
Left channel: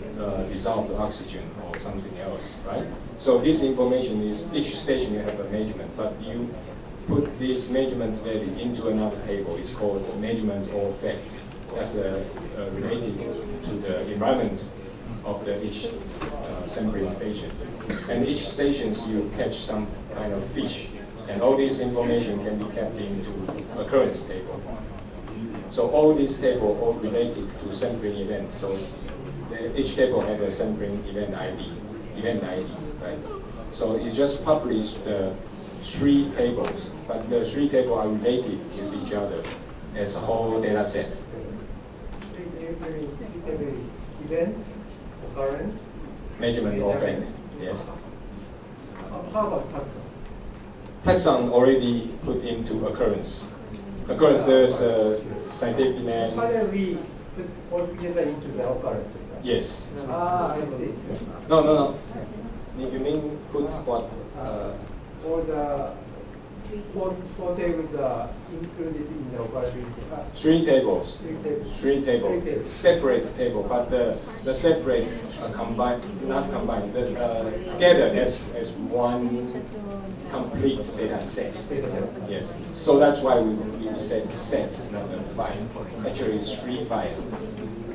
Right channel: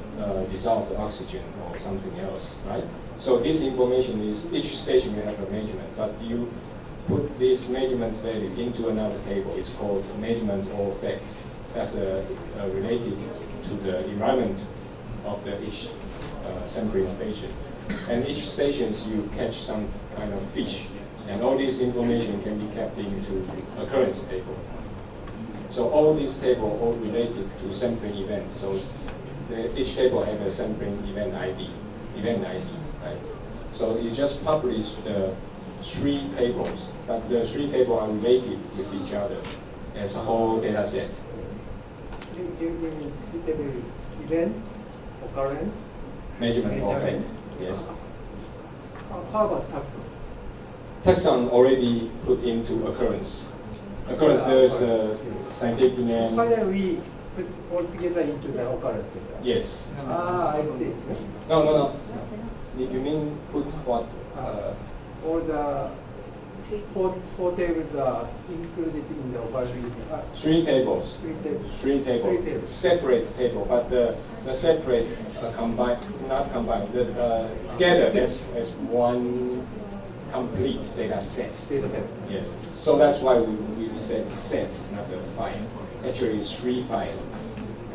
dissolved oxygen or something else, right? So this information is, each station you have a measurement, but you put this measurement value into another table. It's called MeasurementOrFacts. That's related to the environment of each sampling station. And each stations you catch some kind of fish, and all this information can be kept into occurrence table. So all these tables are related to sampling event. So each table has a sampling event ID, right? So you just publish the 3 tables, but the 3 tables are related with each other as a whole data set. Event, occurrence, MeasurementOrFacts, yes. How about taxon? taxon already put into occurrence. Occurrence, there is a scientific name. Finally, we put all together into the occurrence. Yes. Ah, I see. No. You mean put what? All the four tables are included in the occurrence. Three tables. Three tables. Separate table, but the separate combined, not combined, together as one complete data set. Yes. So that's why we said set, not a file. Actually, it's 3 files.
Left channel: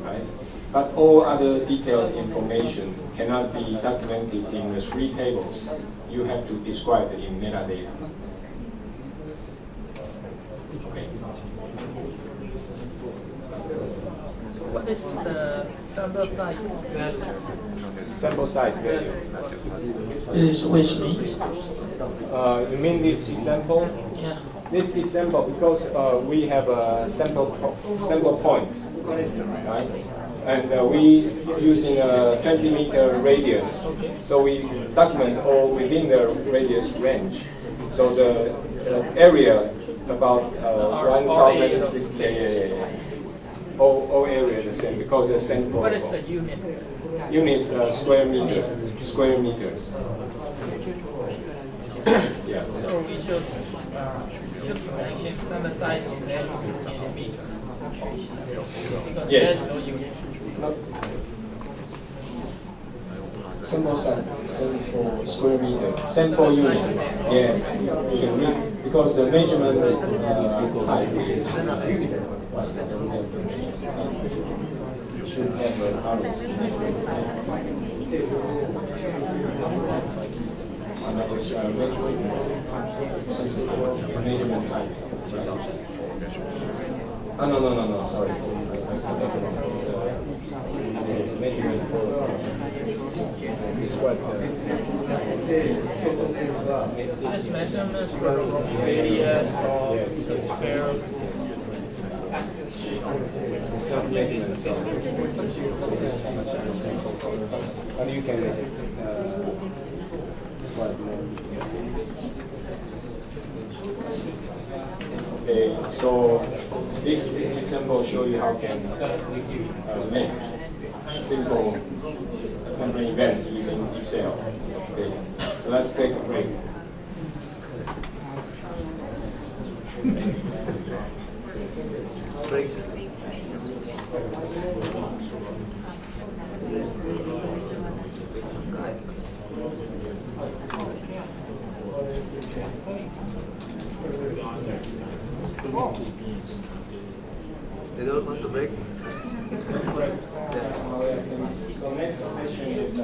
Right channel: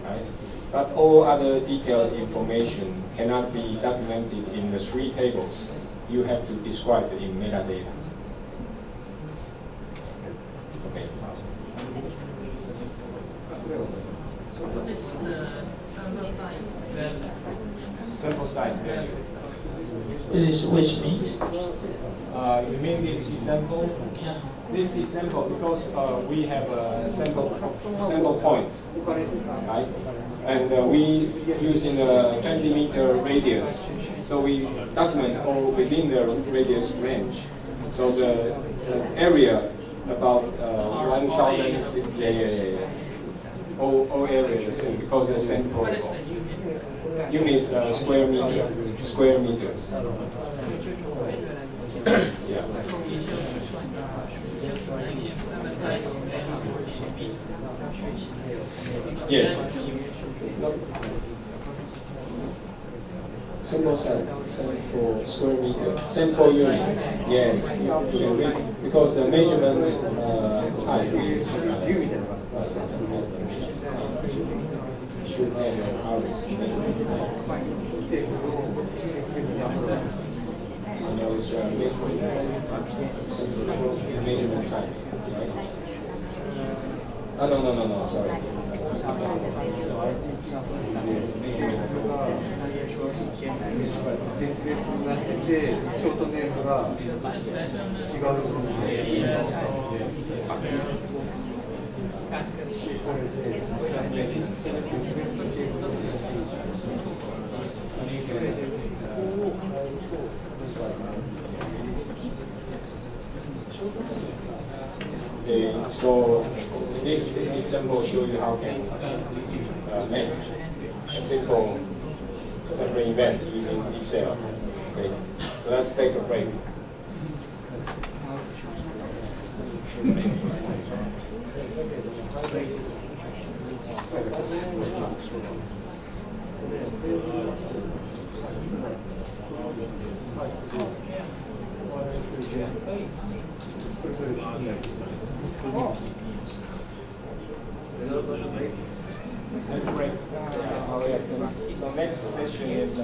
Right? But all other detailed information cannot be documented in the 3 tables. You have to describe it in metadata. Okay. So what is the sample size value? Sample size value. It is which means? You mean this example? Yeah. This example, because we have a sample point, right? And we using a 20-meter radius, so we document all within the radius range. So the area about 1,000. Yeah. All area the same because the same. What is the unit? Units square meters. Yeah. So we should mention sample size value in meter. Yes. Sample size, sample square meter, sample unit. Yes, unit. Because the measurement type is should have a currency measurement type. So now it's measurement type, right? Oh, no, sorry. Measurement. This measurement radius or square. But you can okay, so this example show you how can make a simple event using Excel. Okay, so let's take a break. So next session is 45.